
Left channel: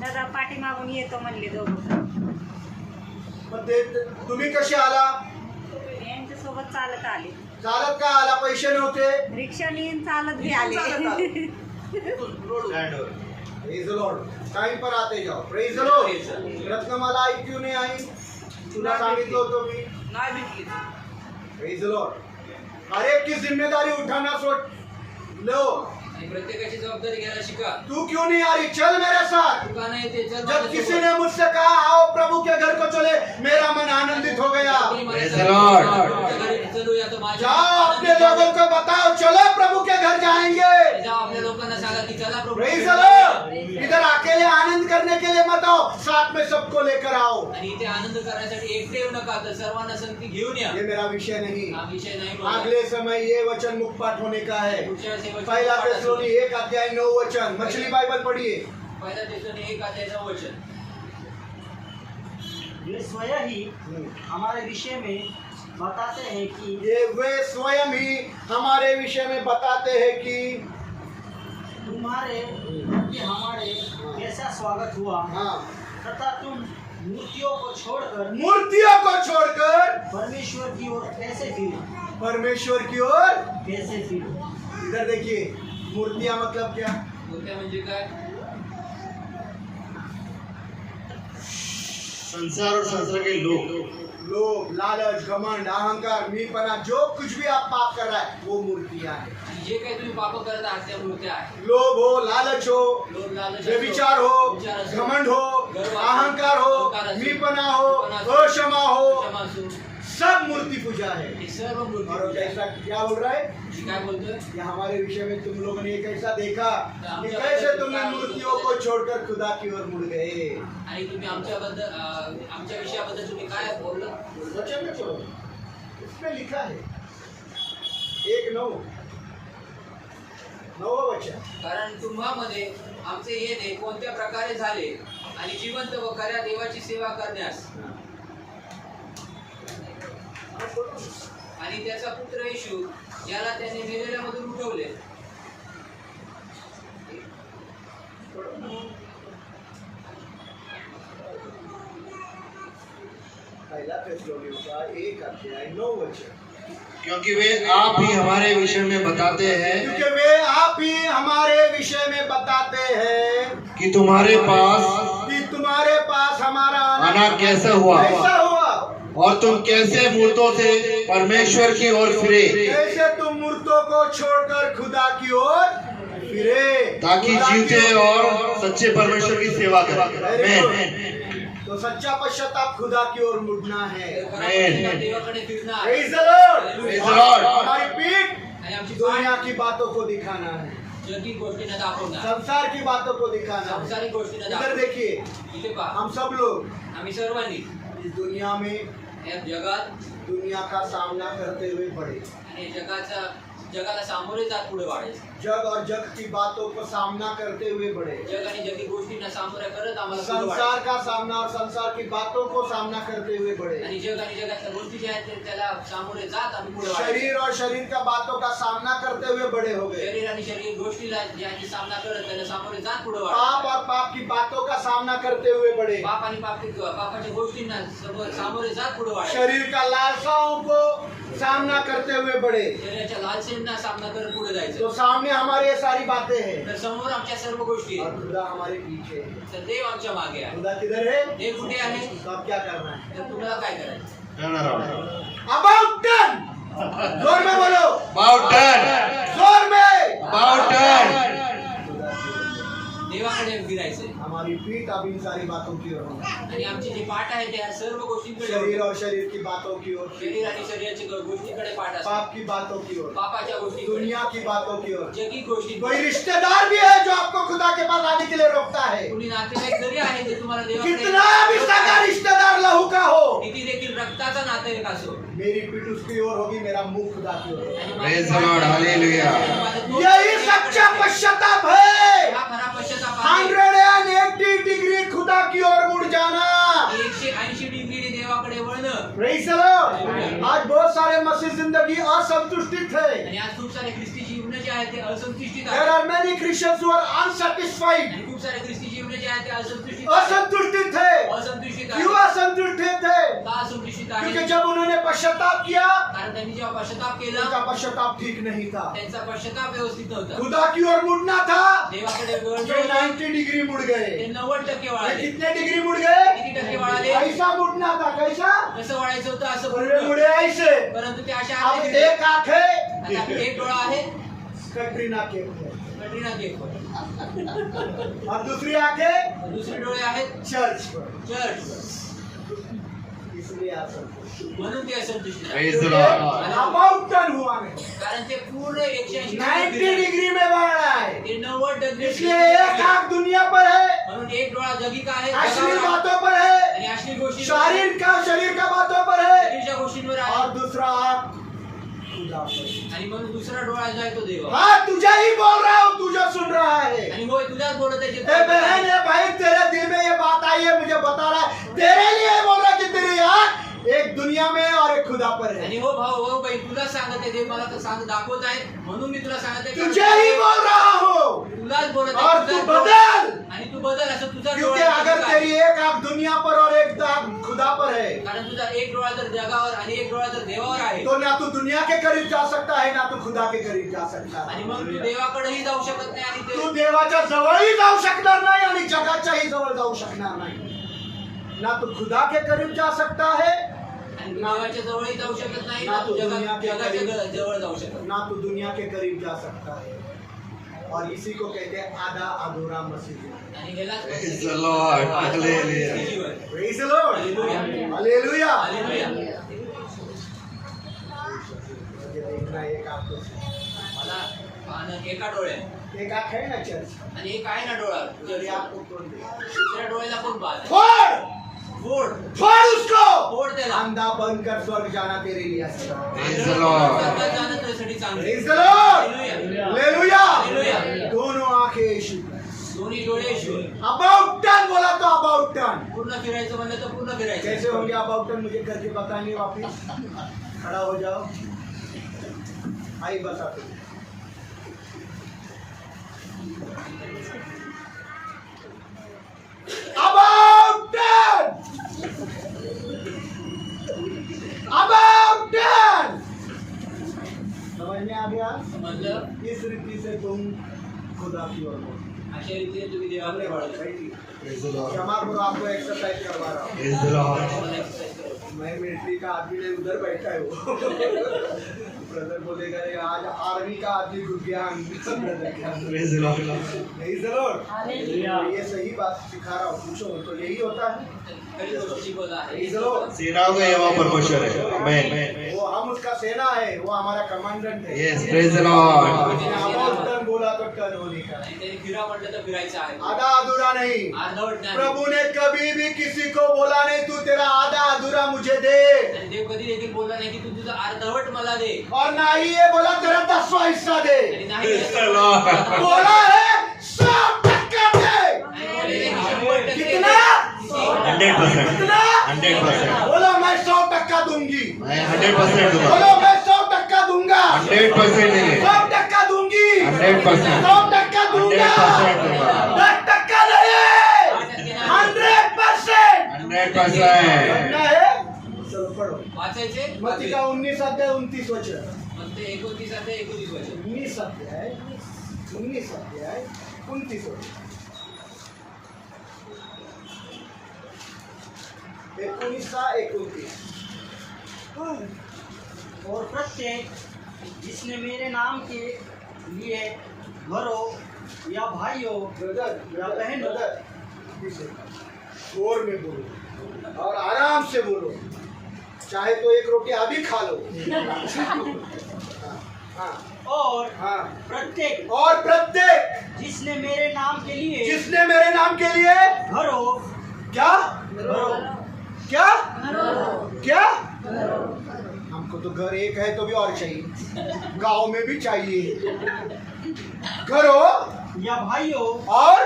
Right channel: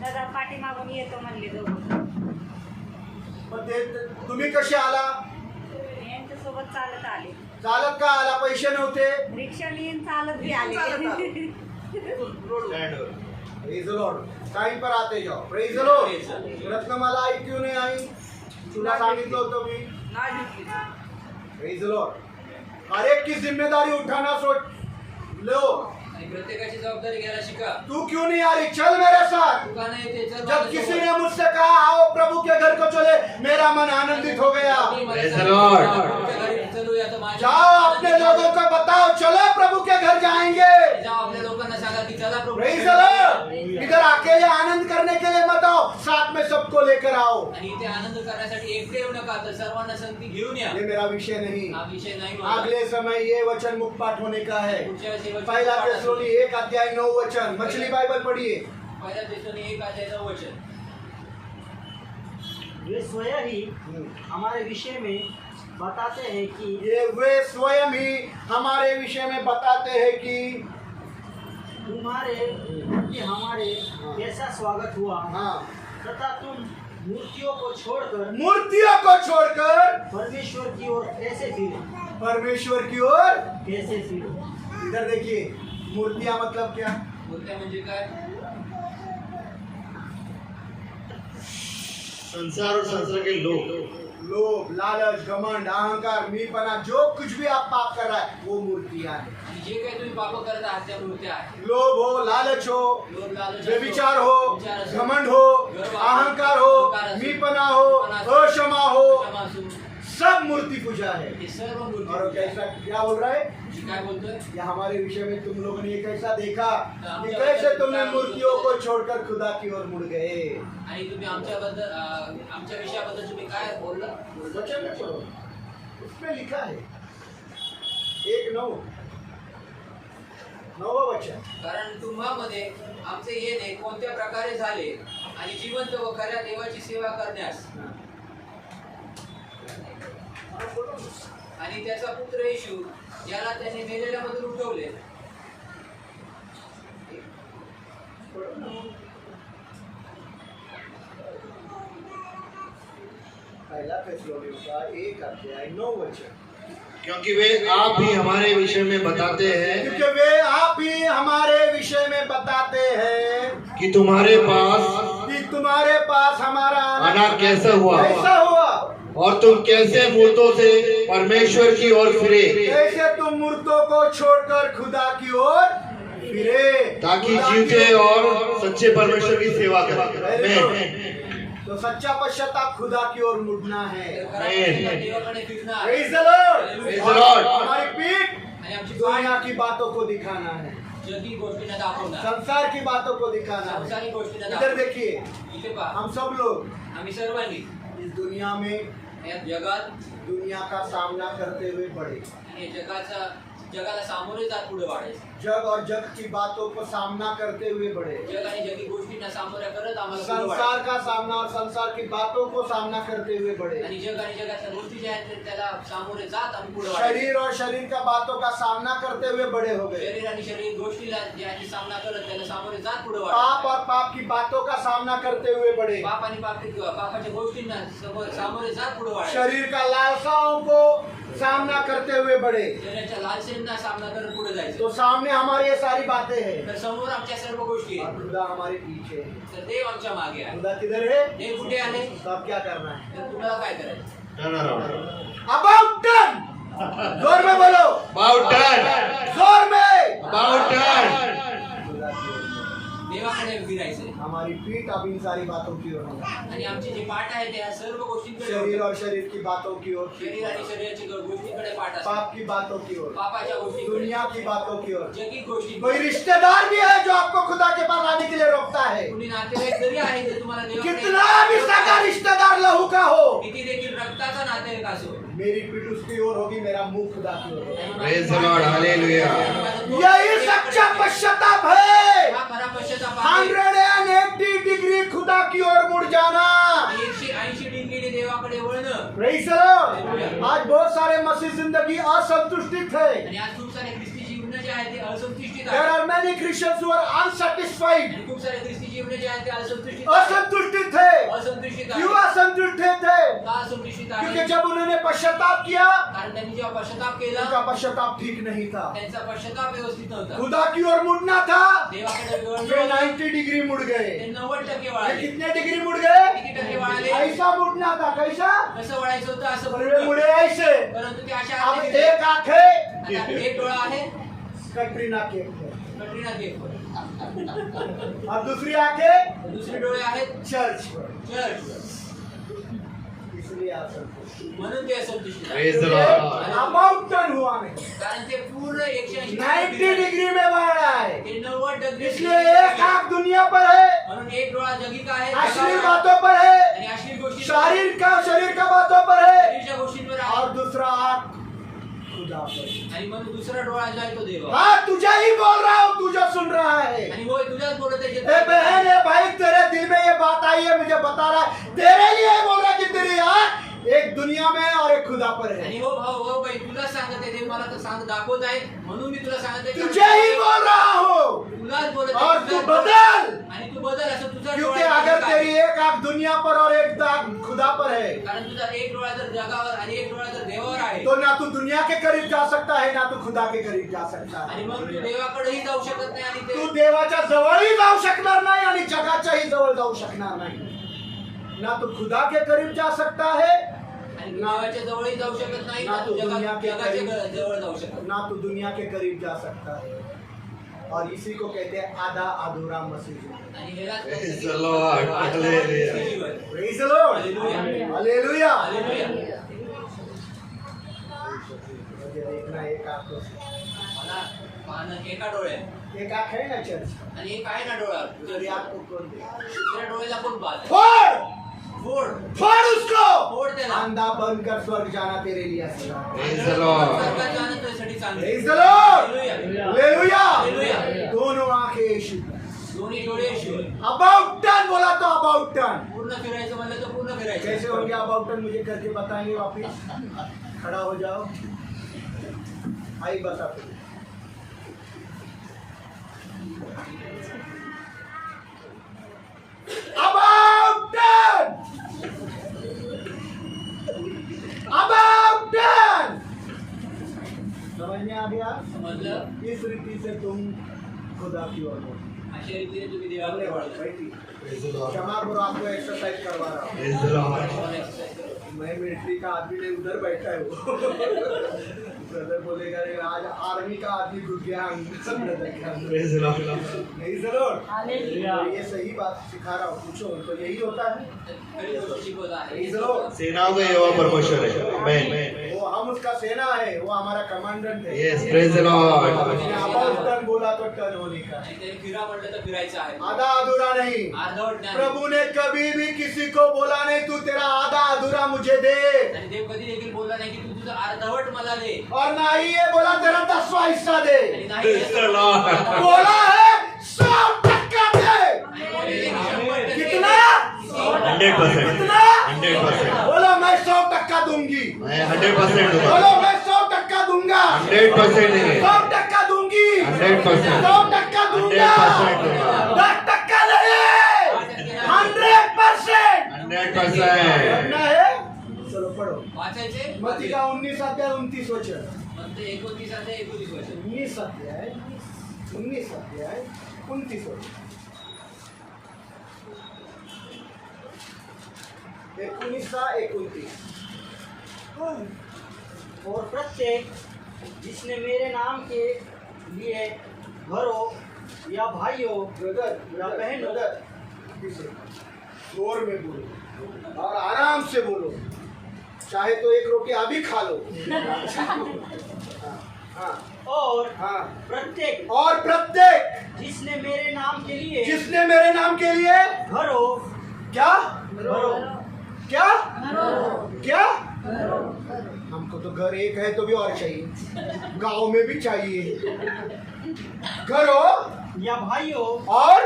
दादा पाठीमागून येतो म्हणले दोघं. मग तुम्ही कसे आला? यांच्यासोबत चालत आले. चालत का आला? पैसे नव्हते? रिक्षाने आणि चालत बी आले. Praise the Lord. टाइम पर आते जाओ। Praise the Lord. रत्नमाला आई क्यों नहीं आई? तुला सांगितलं होतं मी। Praise the Lord. हर एक की जिम्मेदारी उठाना लो। आणि प्रत्येकाची जबाबदारी घ्यायला शिका. तू क्यों नहीं आ रही? चल मेरे साथ। तू का नाही ते चल जब माझ्यासोबत. किसी ने मुझसे कहा आओ प्रभु के घर को चले, मेरा मन आनंदित हो गया। कोणी मला Praise the सांगितलं, Lord. प्रभूच्या घरी चलूया तर माझ्या जाओ अपने लोगों को बताओ, चलो प्रभु के घर जाएंगे। जाओ आपल्या लोकांना सांगा की चला प्रभू. Praise the Lord. इधर अकेले आनंद करने के लिए मत आओ, साथ में सबको लेकर आओ। आणि इथे आनंद करण्यासाठी एकटे येऊ नका, तर सर्वांना संगती घेऊन या. ये मेरा विषय नहीं। हा विषय नाही बोलला. अगले समय ये वचन मुखपाठ होने का है। पुढच्या वेळेस हे वचन पहला पाठ असेल. थिस्सलुनी 1 अध्याय 9 वचन। मछली बाइबल पढ़िए। पहिल्या तेसलोनी 1 अध्याय 9 वचन. वे स्वयं ही हमारे विषय में बताते हैं कि ये वे स्वयं ही हमारे विषय में बताते हैं कि तुम्हारे प्रति हमारे कैसा स्वागत हुआ, हाँ, तथा तुम मूर्तियों को छोड़कर मूर्तियों को छोड़कर परमेश्वर की ओर कैसे फिरे, परमेश्वर की ओर। कैसे फिरे। इधर देखिए, मूर्तियां मतलब क्या? मूर्त्या म्हणजे काय? संसार और संसार के लोग लोभ, लालच, घमंड, अहंकार, मीपना, जो कुछ भी आप पाप कर रहा है वो मूर्तियां हैं। आणि जे काही तुम्ही पाप करता आहात त्या मूर्त्या आहेत. लोभ हो, लालच हो, लोभ, लालच असो, व्यभिचार हो, विचार असो, घमंड हो, गर्व असो, अहंकार हो, अहंकार असो, मीपना हो, मीपना असो, अक्षमा हो, क्षमा असो, सब मूर्ति पूजा है। हे सर्व मूर्ती और पूजा आहे. कैसा क्या बोल रहा है? मी काय बोलतोय? ये हमारे विषय में तुम लोगों ने ये कैसा देखा कि कैसे तुमने मूर्तियों को छोड़कर खुदा की ओर मुड़ गए। आणि तुम्ही आमच्या विषयाबद्दल तुम्ही काय बोललं? वचन में छोड़ो, उसमें लिखा है 1:9 वचन। कारण तुम्हामध्ये आमचे येणे कोणत्या प्रकारे झाले आणि जिवंत व खऱ्या देवाची सेवा करण्यास आणि त्याचा पुत्र येशू याला त्याने मेलेल्यामधून उठवले. पहला थिस्सलुनीयों का 1 अध्याय 9 वचन। क्योंकि वे आप ही हमारे विषय में बताते हैं क्योंकि वे आप ही हमारे विषय में बताते हैं कि तुम्हारे पास हमारा आना कैसा हुआ। कैसा हुआ। और तुम कैसे मूर्तों से परमेश्वर की ओर फिरे, कैसे तुम मूर्तों को छोड़कर खुदा की ओर फिरे, ताकि खुदा की जीवते ओर- और सच्चे परमेश्वर की सेवा करें। Very आमीन। good. तो सच्चा पश्चाताप खुदा की ओर मुड़ना है। खरा पश्चाताप देवाकडे फिरणं आहे. Praise the Lord. Praise the Lord. हमारी पीठ आणि आमची दुनिया की बातों को दिखाना है, जगी गोष्टींना दाखवणार, संसार की बातों को दिखाना है। संसारिक गोष्टींना इधर दाखवणार. देखिए, इथे पहा, हम सब लोग आम्ही सर्वांनी इस दुनिया में या जगात दुनिया का सामना करते हुए बढ़े। आणि जगाला सामोरे जात पुढे वाढायचं. जग और जग की बातों को सामना करते हुए बढ़े। जग आणि जगी गोष्टींना सामोऱ्या करत आम्हाला पुढे संसार वाढायचं. का सामना और संसार की बातों को सामना करते हुए बढ़े। आणि जग आणि जगातल्या गोष्टी ज्या आहेत त्याला सामोरे जात आम्ही पुढे वाढायचं. शरीर और शरीर का बातों का सामना करते हुए बड़े हो गए। शरीर आणि शरीर गोष्टीला ज्याची सामना करत त्याला सामोरे जात पुढे पाप वाढायचं. और पाप की बातों का सामना करते हुए बढ़े। पाप आणि पापाच्या गोष्टींना सामोरे जात पुढे वाढायचं. शरीर का लालसाओं को सामना करते हुए बढ़े। शरीराच्या लालसेंना सामना करत पुढे जायचं. तो सामने हमारी ये सारी बातें हैं तर समोर आमच्या सर्व गोष्टी और आहेत. खुदा हमारे पीछे है। तर देव आमच्या मागे आहे. खुदा किधर है? देव कुठे आहे? तो अब क्या करना है? तर तुम्हाला काय करायचं? Turn around. अबाउट टर्न, जोर में बोलो, About turn. जोर में। About turn. देवाकडे फिरायचंय. हमारी पीठ अब इन सारी बातों की ओर होगी। आणि आमचे जे पाठ आहेत त्या सर्व गोष्टींकडे शरीर और शरीर की बातों की ओर, शरीर आणि शरीराच्या गोष्टींकडे पाठ असतात. पाप की बातों की ओर, पापाच्या गोष्टी, दुनिया की बातों की ओर। जगी गोष्टी. कोई रिश्तेदार भी है जो आपको खुदा के पास आने के लिए रोकता है। कुणी नातेवाईक जरी आहे ते तुम्हाला देवाकडे कितना भी सगा रिश्तेदार लहू का हो, किती देखील रक्ताचा नातेवाईक असो. मेरी पीठ उसकी ओर होगी, मेरा मुख खुदा की ओर होगा। आणि Praise the Lord. Hallelujah. यही सच्चा पश्चाताप है। हा खरा पश्चाताप आहे. 180 डिग्री खुदा की ओर मुड़ जाना। 180 डिग्रीने देवाकडे वळणं. Praise the Lord. आज बहुत सारे मसीह जिंदगी असंतुष्टित है। आणि आज खूप सारे ख्रिस्ती जीवन जे आहेत ते असंतुष्टित There आहेत. are many Christians who are unsatisfied, आणि खूप सारे ख्रिस्ती जीवन जे आहेत ते असंतुष्टित असंतुष्टित है। असंतुष्टित क्यों आहेत. असंतुष्टित है? का असंतुष्टित क्योंकि आहे? जब उन्होंने पश्चाताप किया, कारण त्यांनी जेव्हा पश्चाताप केला उनका पश्चाताप ठीक नहीं था। त्यांचा पश्चाताप व्यवस्थित नव्हता. खुदा की ओर मुड़ना था, देवाकडे ये वळणं होतं. 90 डिग्री मुड़ ते गए। 90% ये वळाले. कितने डिग्री मुड़ गए? किती टक्के वळाले? ऐसा मुड़ना था, कैसा? कसं वळायचं होतं असं मुड़े बोललं. मुड़े ऐसे। परंतु ते अशा अब आतले गेले. एक आंख है, आता एक डोळा आहे कटरीना कैफ है, कटरीना कैफ वर. और दूसरी आंख है दुसरे डोळे आहेत चर्च पर। चर्च. इसलिए असंतुष्ट। म्हणून ते असंतुष्ट आहेत. Praise the Lord. About turn हुआ नहीं, कारण ते पूर्ण 180 90 डिग्री में बढ़ रहा है। ते 90 डिग्री. इसलिए एक आंख दुनिया पर है, म्हणून एक डोळा जगी का आहे अश्लील जगावर आहे. बातों पर है, आणि अश्लील गोष्टी शरीर का बातों पर है, शरीरच्या गोष्टींवर आहे. और दूसरा आंख खुदा पर। आणि म्हणून दुसरा डोळा जो आहे तो देव. हाँ, तुझे ही बोल रहा हूँ, तू जो सुन रहा है। आणि होय तुझ्याच बोलत आहे जे ए बहन, ए भाई, तेरे दिल में ये बात आई है, मुझे बता रहा है, तेरे लिए बोल रहा है कि तेरी आंख एक दुनिया में और एक खुदा पर है। आणि हो भाऊ हो बाई तुला सांगत आहे देव मला तर सांग दाखवत आहे म्हणून मी तुला सांगत आहे तुझे ही बोल रहा हूँ, तुलाच बोलत आहे. और तू तुझाच बदल, आणि तू बदल असं तुझा क्योंकि डोळा अगर जगावर तेरी एक आंख दुनिया पर और एक आंख खुदा पर है, कारण तुझा एक डोळा जर जगावर आणि एक डोळा जर देवावर आहे तो ना तू दुनिया के करीब जा सकता है, ना तू खुदा के करीब जा सकता आणि है। मग तू देवाकडेही जाऊ शकत नाही आणि तू ते देवाच्या जवळही जाऊ शकणार नाही आणि जगाच्याही जवळ जाऊ शकणार नाही। ना तू खुदा के करीब जा सकता है, आणि तू देवाच्या जवळही जाऊ शकत नाही ना ना तू तू दुनिया के जगाच्या करीब- जवळ जाऊ शकत. ना तू दुनिया के करीब जा सकता है। और इसी को कहते हैं आधा अधूरा मसीह। आणि ह्यालाच Praise the Lord. Hallelujah. Jeevan. Praise the Lord. Hallelujah. Hallelujah. Hallelujah. मुझे देखना एक आंख को। मला पाहणं एका डोळ्यात एक आंख है ना चर्च, आणि एक आहे ना डोळा तेरी आंख को खोल दे, दुसऱ्या डोळ्याला कोण पाहत फोड़ फोड फोड़ उसको। फोड त्याला. अंधा बंद कर, स्वर्ग जाना तेरे लिए आसान है। Praise the Lord. स्वर्गात जाणं तुझ्यासाठी चांगलं आहे. Praise the Lord. Hallelujah. Hallelujah. Hallelujah. दोनों आंखें यीशु पर। दोन्ही डोळे ईश्वर. अबाउट टर्न बोला तो अबाउट टर्न। पूर्ण फिरायचं म्हणलं तर पूर्ण कैसे फिरायचं. होंगे अबाउट टर्न, मुझे करके बताएंगे वापिस। खड़ा हो जाओ, आई बता तुझे। About turn! About turn! समझ में आ गया? समजलं. इस रीति से तुम खुदा की ओर बढ़ो। अशा रीतीने तुम्ही देवाकडे वळाल. Praise the Lord. क्षमा करो, आपको एक्सरसाइज करवा रहा हूँ। Praise the Lord. तुम्हाला exercise करायची. मैं मिलिट्री का आदमी नहीं, उधर बैठा है वो। ब्रदर बोलेगा "अरे आज आर्मी का आदमी घुस गया ब्रदर के अंदर।" Praise the Lord. नहीं जरूर, ये सही बात सिखा रहा हूँ, पूछो तो यही होता है। खरी गोष्ट शिकवत आहे. नहीं जरूर, सेनाओं का यहोवा परमेश्वर है. Amen. वो हम उसका सेना है, वो हमारा कमांडेंट है। Yes, praise the Lord. उसने अबाउट टर्न बोला तो टर्न होने का है। आणि त्यांनी फिरा म्हटलं तर फिरायचं आहे. आधा अधूरा नहीं। अर्धवट नाही. प्रभु ने कभी भी किसी को बोला नहीं तू तेरा आधा अधूरा मुझे दे, आणि देव कधी देखील बोलला नाही की तू तुझं अर्धवट मला दे. और ना ही ये बोला तेरा 10वां हिस्सा दे। आणि नाही Praise the Lord. बोला है 100% दे। आणि बोलले की 100% कितना? 100%. कितना? 100%. बोलो मैं 100% दूंगी। मैं 100% दूंगा. बोलो मैं 100% दूंगा। 100% देंगे. 100% दूंगी। 100%. 100% दूंगा। 100% 10% नहीं, 100%। 100%. करना है? चलो पढ़ो। वाचायचे. मत्ती का 19 अध्याय 29 वचन। मग ते 29 अध्याय 29 वचन. 19 अध्याय 29 वचन। 19-29। और प्रत्येक जिसने मेरे नाम के लिए घरों या भाइयों ब्रदर या बहनों जोर में बोलो और आराम से बोलो, चाहे तो एक रोटी अभी खा लो। हाँ और हाँ। प्रत्येक जिसने मेरे नाम के लिए जिसने मेरे नाम के लिए घरों क्या घरों क्या क्या हमको तो घर एक है तो भी और चाहिए, गांव में भी चाहिए। घरों या भाइयों और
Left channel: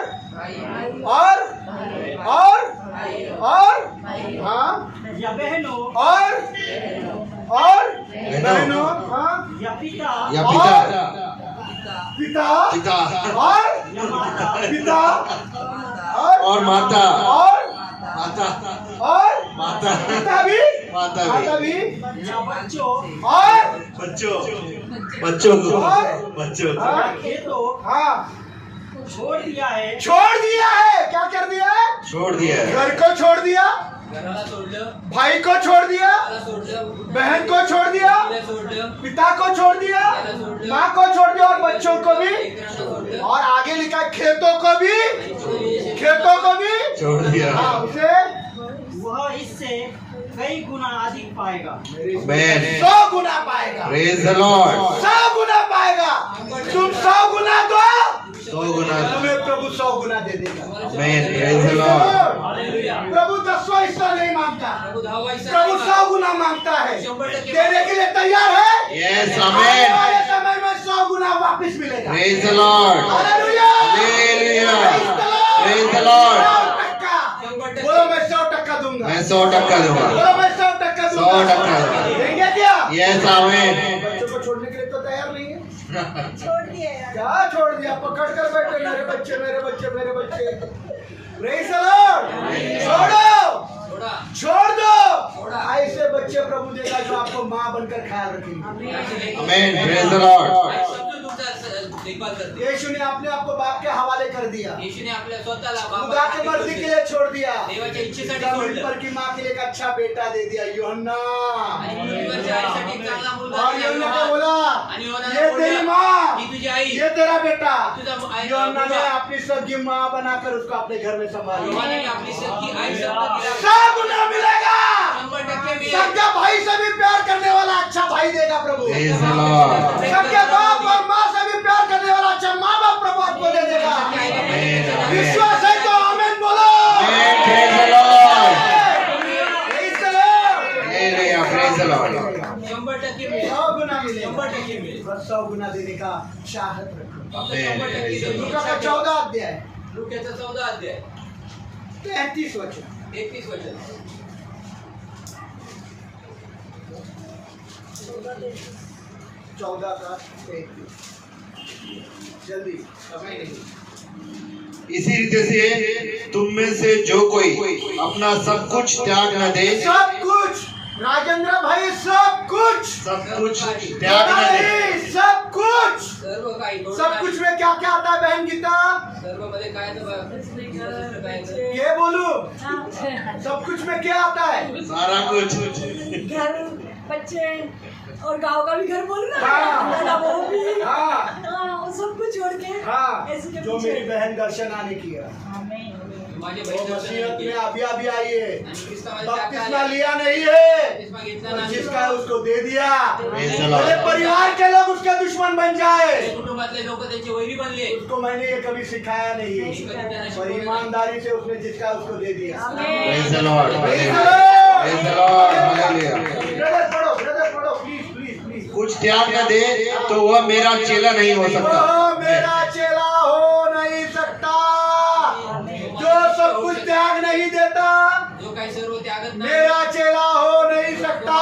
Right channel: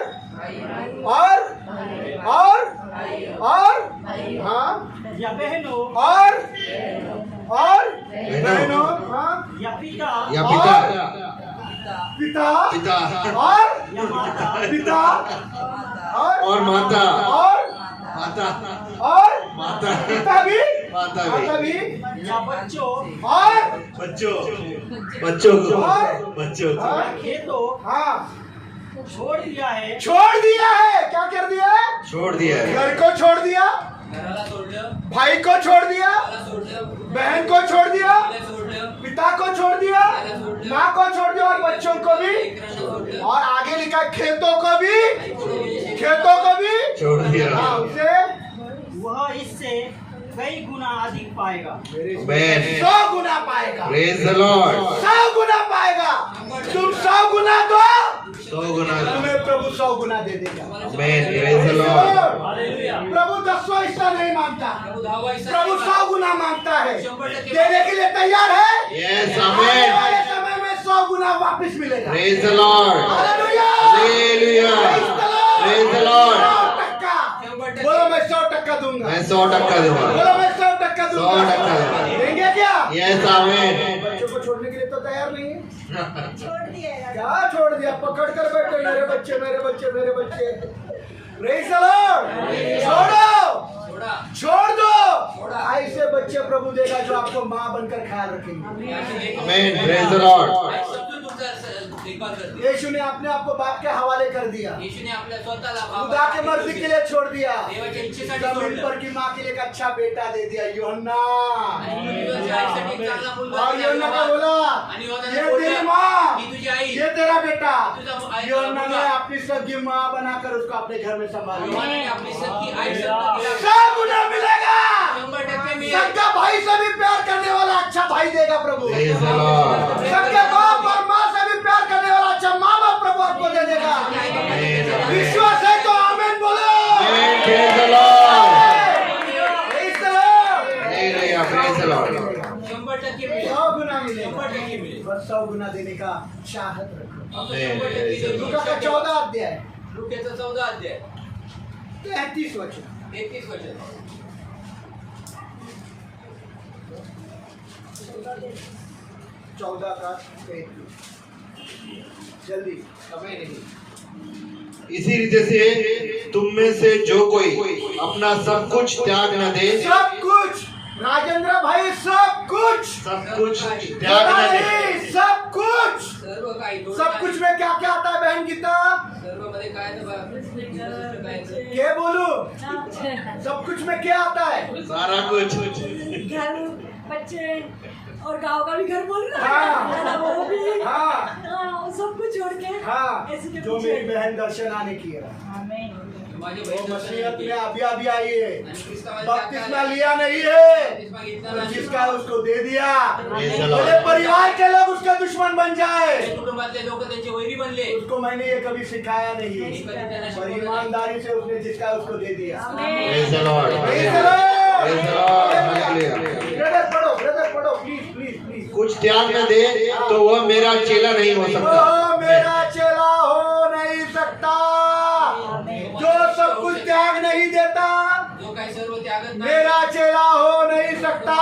हाँ या बहनों और बहनों हाँ या पिता या पिता पिता और या माता पिता और माता और माता पिता भी माता भी या बच्चों और बच्चों को हाँ। या खेतों हाँ छोड़ दिया है क्या कर दिया है? छोड़ दिया है. घर को छोड़ दिया, घराला सोडलं. भाई को छोड़ दिया, त्याला सोडलं. बहन को छोड़ दिया, तिला सोडलं. पिता को छोड़ दिया, माँ को छोड़ दिया और बच्चों को भी, लेकरांना सोडलं. और आगे लिखा है खेतों को भी छोड़ दिया. हाँ, उसे वह इससे कई गुना अधिक पाएगा। Amen. 100 गुना पाएगा। Praise the Lord. 100 गुना पाएगा। तुम 100 गुना दो, 100 गुना. तुम्हें प्रभु 100 गुना दे देगा। Amen. Praise the Lord. प्रभु 10वां हिस्सा नहीं मांगता, प्रभु 10वां हिस्सा प्रभु नाही 100 गुना मांगता है। 100% देने के लिए तैयार है। Yes, आने Amen. वाले समय में 100 गुना वापस मिलेगा। Praise the Lord. Hallelujah. Hallelujah. Praise the Lord. 100%। बोलो मैं 100% दूंगा। मैं 100% दूंगा. बोलो मैं 100% दूंगा। 100% दूंगा. देंगे क्या? Yes, Amen. बच्चों को छोड़ने के लिए तो तैयार नहीं है। छोड़ दिए क्या छोड़ दिया? पकड़ कर बैठे मेरे बच्चे। Praise the Lord। सोडा. छोड़ दो। ऐसे बच्चे प्रभु देगा जो आपको माँ बनकर ख्याल रखेंगे। Amen. Praise the Lord. आई समजून तुमचा देखभाल करते. यीशु ने अपने आप को बाप के हवाले कर दिया, येशूने आपल्या स्वतःला खुदा के मर्जी के लिए छोड़ दिया। देवाच्या इच्छेसाठी जमीन सोडलं. पर की माँ के लिए एक अच्छा बेटा दे दिया, यूहन्ना। आणि पृथ्वीवरच्या आईसाठी एक चांगला मुलगा और दिला यूहन्ना को योहान. बोला आणि योहानाने ये बोललं, तेरी माँ, ही तुझी आई. ये तेरा बेटा। तुझा आई- यूहन्ना ने मुलगा. अपनी सगी माँ बनाकर उसको अपने घर में संभाल लिया। योहानाने आपली सख्खी आई शब्द दिला. 100 गुना मिलेगा। 100% मिळेल. सबका भाई से भी प्यार करने वाला अच्छा भाई देगा प्रभु। Praise the Lord. सबके बाप और माँ से भी प्यार करने वाला अच्छा माँ बाप प्रभु आपको दे देगा। विश्वास है तो आमीन बोलो। Amen. Praise the Lord. Praise the Lord। Hallelujah. Praise the Lord. 100% मिळेल. 100 गुना मिलेगा। 100% मिळेल. बस 100 गुना देने का चाहत रखो। फक्त 100% देऊन लूका का 14 अध्याय लूक्याचा 14 अध्याय 33 वचन। 33 वचन. 14 का 33। जल्दी, समय नहीं। इसी रीते से तुम में से जो कोई अपना सब कुछ त्याग न दे, सब कुछ राजेंद्र भाई, सब कुछ सब कुछ त्याग थोड़ा न दे, नहीं, सब कुछ सर्व काही थोडं सब नाही. कुछ में क्या क्या आता है बहन गीता? सर्व मध्ये काय तर काय तर- क्या बोलू? सब कुछ में क्या आता है? सारा कुछ घर बच्चे और गांव का भी घर बोल रहा हाँ। है वो भी हाँ वो सब कुछ छोड़ के हाँ, ऐसे के जो पीछे। मेरी बहन दर्शन आने की है, माझे वो बहीण मसीहत में दर्शन अभी अभी आई है, आणि ख्रिस्ता मध्ये बपतिस्मा टाकता लिया नहीं है, बपतिस्मा घेतला और नाही. जिसका है उसको दे दिया। Praise the Lord. मेरे परिवार के लोग उसके दुश्मन बन जाए, ते कुटुंबातले लोक त्यांचे वैरी बनले. उसको मैंने ये कभी सिखाया नहीं, मी कधी त्यांना पर शिकवलं नाही. ईमानदारी से उसने जिसका है उसको दे दिया। Praise the Lord. Praise the Lord. Praise the Lord. Hallelujah. Brother पढ़ो प्लीज प्लीज प्लीज। कुछ त्याग न दे तो वह मेरा चेला नहीं हो सकता। वो मेरा चेला हो नहीं सकता, जो सब कुछ त्याग नहीं देता जो काही सर्व त्यागत नाही मेरा चेला हो नहीं सकता।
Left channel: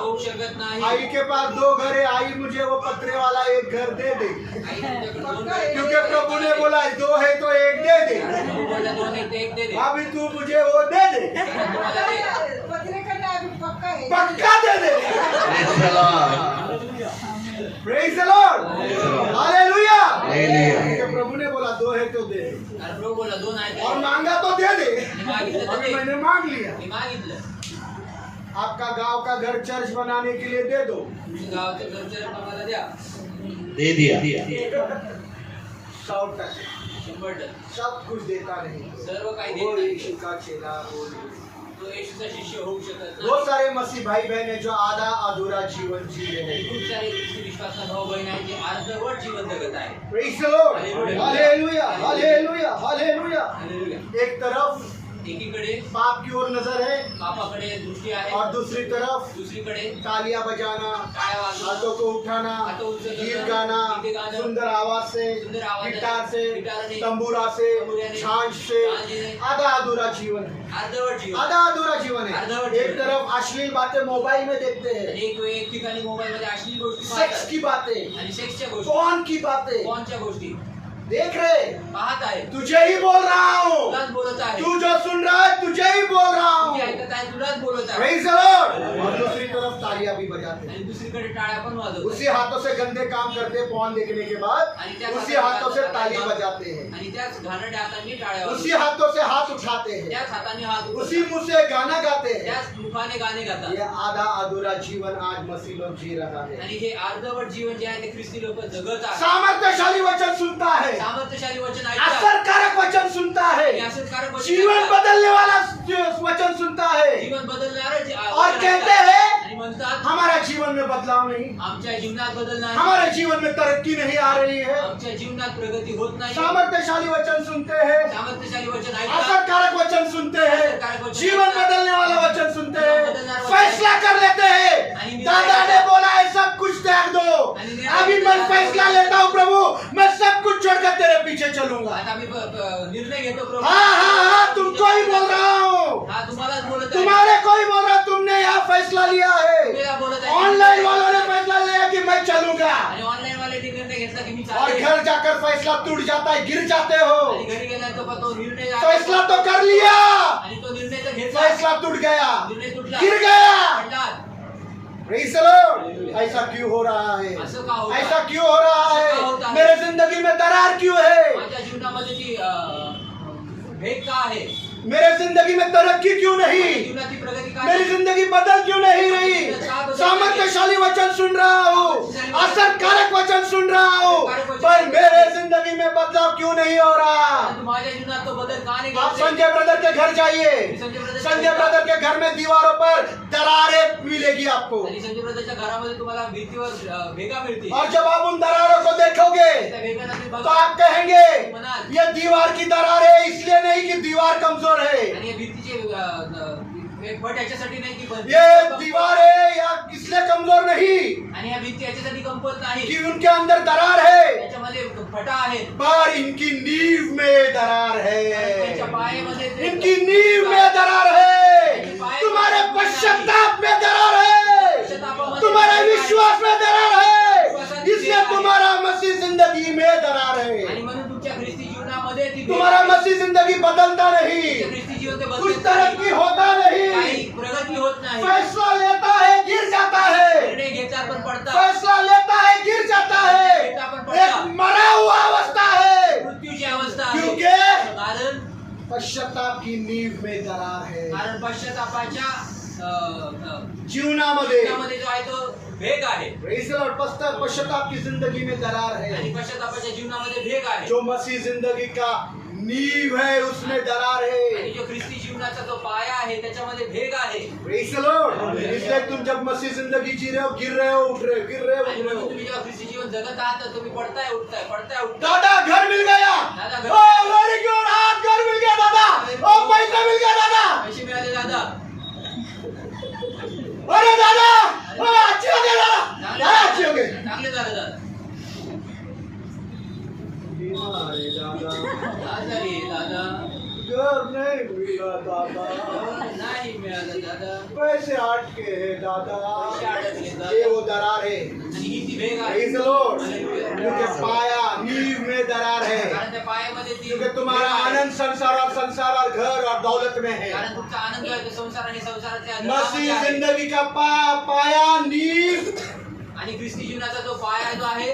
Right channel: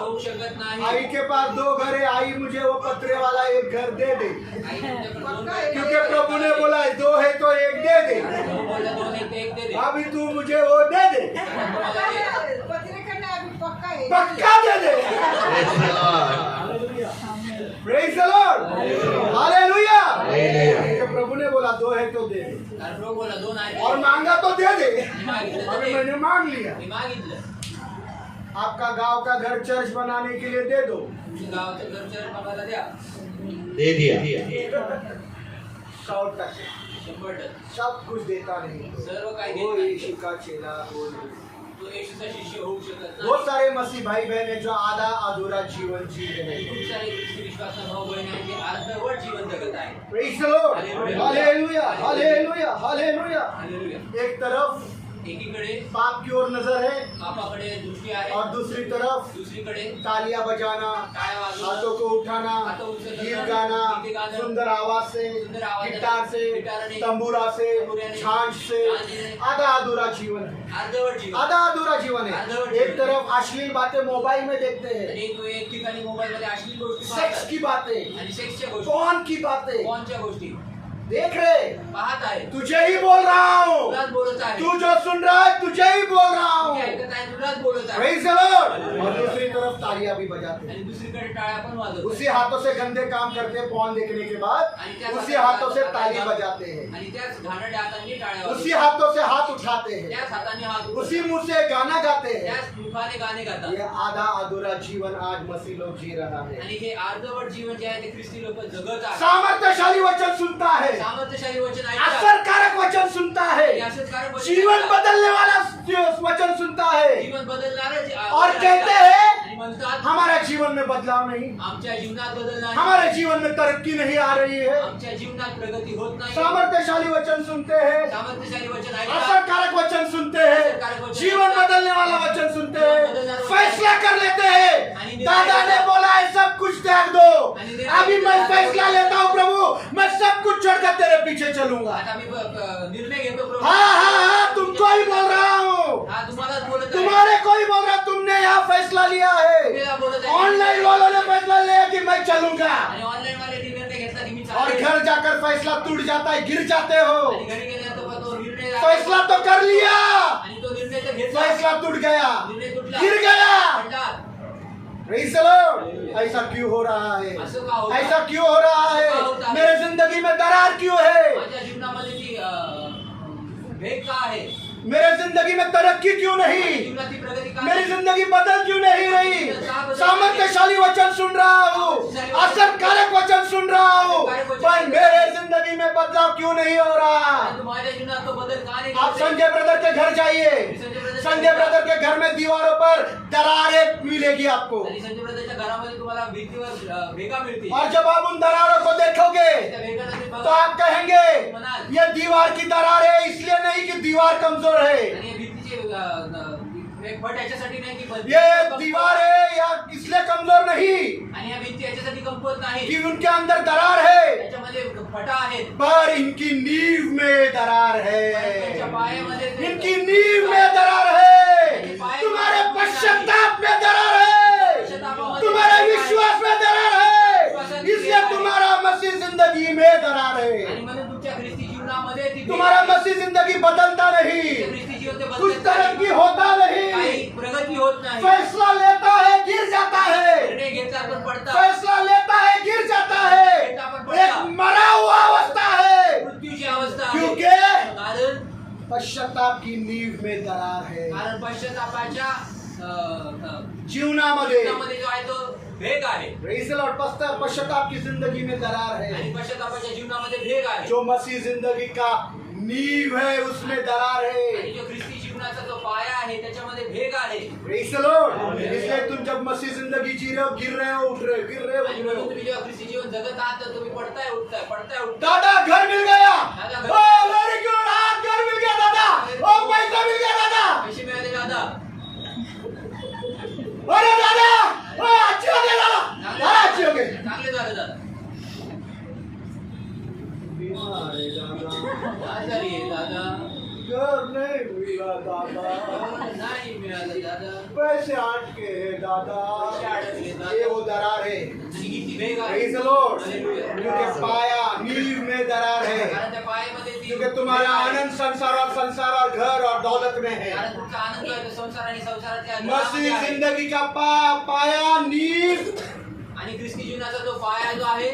होऊ शकत नाही. आई के पास 2 घर है, आई मुझे वो पत्रे वाला एक घर दे दे, आई तुमच्याकडे दोन आहे. क्योंकि प्रभु ने बोला 2 है तो 1 दे दे। प्रभू बोलला दोन आहे ते एक दे दे. अभी तू मुझे वो दे दे, तुम्हाला दे. पक्का दे दे। Praise the Lord. Praise the Lord, hallelujah. Hallelujah. क्योंकि प्रभु ने बोला 2 है तो दे दे, कारण प्रभू बोलला दोन आहे और ते. मांगा तो दे दे। मी मागितलं तर अभी दे. मैंने मांग लिया। मी मागितलं. आपका गांव का घर चर्च बनाने के लिए दे दो, तुमच्या गावाचं घरचं आम्हाला द्या. दे दिया। 100%। 100%. सब कुछ देता नहीं, सर्व काही वो देत नाही. यीशु का चेला हो नहीं। तो येशूचा शिष्य होऊ शकत बहुत नाही. सारे मसीह भाई बहन है जो आधा अधूरा जीवन जी रहे हैं। खूप सारे ख्रिस्ती विश्वासा भाऊ बहीण आहेत जे अर्धवट जीवन जगत आहे. Praise the Lord. Hallelujah. Hallelujah, hallelujah, hallelujah. Hallelujah. एक तरफ एकीकडे पाप की ओर नजर है, पापाकडे दृष्टी आहे, और दूसरी तरफ दुसरीकडे तालियां बजाना, टाळ्या वाजवणं, हाथों को उठाना, हाथों उचलना, गीत गाना, गीते गाणं, सुंदर आवाज से, सुंदर आवाजाने, गिटार से, गिटारने, तंबूरा से, तंबुऱ्याने, झांझ से, झांझने, आधा अधूरा जीवन है, अर्धवट जीवन. आधा अधूरा जीवन है। अर्धवट एक जीवन। तरफ अश्लील बातें मोबाइल में देखते हैं, एक ठिकाणी मोबाईल मध्ये अश्लील गोष्टी सेक्स पाहतात की बातें, आणि सेक्सच्या गोष्टी, फोन की बातें फोनच्या गोष्टी देख रहे। पाहत आहे. तुझे ही बोल रहा हूँ, तुलाच बोलत आहे. तू जो सुन रहा है तुझे ही बोल रहा तू हूँ। जे ऐकत आहे तुलाच बोलत आहे. Praise the Lord. और दूसरी तरफ तालियां भी बजाते हैं, आणि दुसरीकडे टाळ्या पण वाजवत उसी हाथों से गंदे काम करते हैं, फोन देखने के बाद आणि त्या उसी हाथों से ताली बजाते हैं, आणि त्याच घाणेरड्या हातांनी टाळ्या उसी वाजवतात. हाथों से हाथ उठाते हैं, त्याच हाताने हात उचलतात. उसी मुंह से गाना गाते हैं। त्याच मुखाने गाणे गातात. ये आधा अधूरा जीवन आज मसीह लोग जी रहा है। आणि हे अर्धवट जीवन जे आहे ते ख्रिस्ती लोक जगत आहे. सामर्थ्यशाली वचन सुनता है, सामर्थ्यशाली वचन ऐकतात. असरकारक वचन सुनता है, आणि असंकारक वचन जीवन ऐकतात. बदलने वाला वचन सुनता है, जीवन बदलणारं और वचन कहते ऐकतात. हैं आणि म्हणतात हमारा जीवन में बदलाव नहीं, आमच्या जीवनात बदल नाही, हमारे जीवन में तरक्की नहीं आ रही है। आमच्या जीवनात प्रगती होत नाही. सामर्थ्यशाली वचन सुनते हैं, सामर्थ्यशाली वचन ऐकतात. असरकारक वचन सुनते असरकारक हैं, वचन जीवन ऐकतात. बदलने वाला वचन सुनते जीवन हैं, बदलने वाला फैसला कर लेते हैं। आणि निर्णय दादा ने घेतात. बोला है सब कुछ त्याग दो, आणि निर्णय अभी मैं घेतात. फैसला लेता हूँ प्रभु, मैं सब कुछ छोड़कर तेरे पीछे चलूंगा। आता मी निर्णय घेतो प्रभू. हाँ हाँ हाँ, तुमको ही बोल रहा हूँ, हा तुम्हालाच बोलत आहे. तुम्हारे को ही बोल रहा हूँ, तुमने यहाँ फैसला लिया है। तुम्हाला बोलत आहे. ऑनलाइन वालों ने फैसला लिया कि मैं चलूंगा, आणि ऑनलाईन वाले निर्णय घेतला की मी और चालेल. घर जाकर फैसला टूट जाता है, गिर जाते हो। आणि घरी गेल्यानंतर तो निर्णय फैसला तो कर लिया, आणि तो निर्णय तर घेतला. फैसला टूट गया, निर्णय तुटला. गिर गया। पडला. Praise the Lord. ऐसा क्यों हो रहा है? असं का होतं? ऐसा क्यों हो रहा असं का है? होता है? मेरे जिंदगी में दरार क्यों है? माझ्या जीवनामध्ये ती भेद का आहे? मेरे जिंदगी में तरक्की क्यों नहीं? जीवनाची प्रगती का मेरी जिंदगी बदल क्यों नहीं रही? सामर्थ्यशाली वचन सुन रहा हूँ, असरकारक वचन सुन रहा हूँ, पर मेरे जिंदगी में बदलाव क्यों नहीं हो रहा? परंतु माझ्या जीवनात तो बदल का नाही आप घडते? संजय ब्रदर के घर जाइए, संजय ब्रदर के घर में दीवारों पर दरारें मिलेगी आपको, आणि संजय ब्रदरच्या घरामध्ये तुम्हाला भिंतीवर भेगा मिळतील. और जब आप उन दरारों को देखोगे त्या भेगांना तो बघा आप कहेंगे ये दीवार की दरार है, इसलिए नहीं कि दीवार कमजोर है, आणि या भिंतीचे एक फट याच्यासाठी नाही की पण- ये दीवार है या इसलिए कमजोर नहीं आणि या भिंती याच्यासाठी कमकुवत नाही. कि उनके अंदर दरार है, त्याच्यामध्ये फटा आहेत. पर इनकी नींव में दरार त्यांच्या है, पायामध्ये ते- इनकी नींव में दरार है, तुम्हारे पश्चाताप में दरार है, तुम्हारे विश्वास में दरार है, इसलिए तुम्हारा मसीह जिंदगी में दरार आणि है, म्हणून तुमच्या ख्रिस्ती जीवनामध्ये ती भेग- तुम्हारा मसीह जिंदगी बदलता तुमच्या नहीं, ख्रिस्ती जीवन ते कुछ बदलत तरक्की नाही. होता काही नहीं, प्रगती होत नाही. फैसला लेता है गिर जाता है, निर्णय घेता पण पडतात. फैसला लेता है गिर जाता है, में दरार है, कारण पश्चातापाच्या जीवनामध्ये जीवनामध्ये जो आहे तो भेग आहे Praise the Lord. पश्चाताप की जिंदगी में दरार आणि है, पश्चातापाच्या जीवनामध्ये भेग आहे जो मसीह जिंदगी का नींव है उसमें दरार आणि है. जो ख्रिस्ती जीवनाचा जो पाया आहे त्याच्यामध्ये भेग आहे Praise the Lord. इसलिए तुम जब मसीह जिंदगी जी रहे हो, गिर रहे हो, उठ रहे हो, गिर रहे हो, आणि उठ रहे म्हणून हो. तुम्ही जेव्हा ख्रिस्ती जीवन जगत आहात तर तुम्ही पडताय उठताय पडताय उठताय दादा घर मिल गया. दादा, घर- Oh, very good. हाँ, घर मिल गया दादा. Oh, पैसा मिल गया दादा. पैसे मिळाले दादा अरे दादा, अच्छे हो गए दादा. हाँ, अच्छे हो गए. चांगले झाले दादा अरे दादा, आजारी आहे दादा घर नहीं मिला दादा. नाही मिळालं दादा पैसे अटके हैं दादा. पैसे अडकले दादा. ये वो दरार है. आणि ही ती भेग आहे Praise the Lord. Hallelujah. क्योंकि पाया नींव में दरार है. कारण त्या पायामध्ये ती क्योंकि तुम्हारा भेग आहे. आनंद संसार और घर और दौलत में है. कारण तुमचा आनंद जो आहे तो संसार आणि संसाराच्या मसीह घरामध्ये आहे. जिंदगी का पाया नींव आणि ख्रिस्ती जीवनाचा जो पाया जो आहे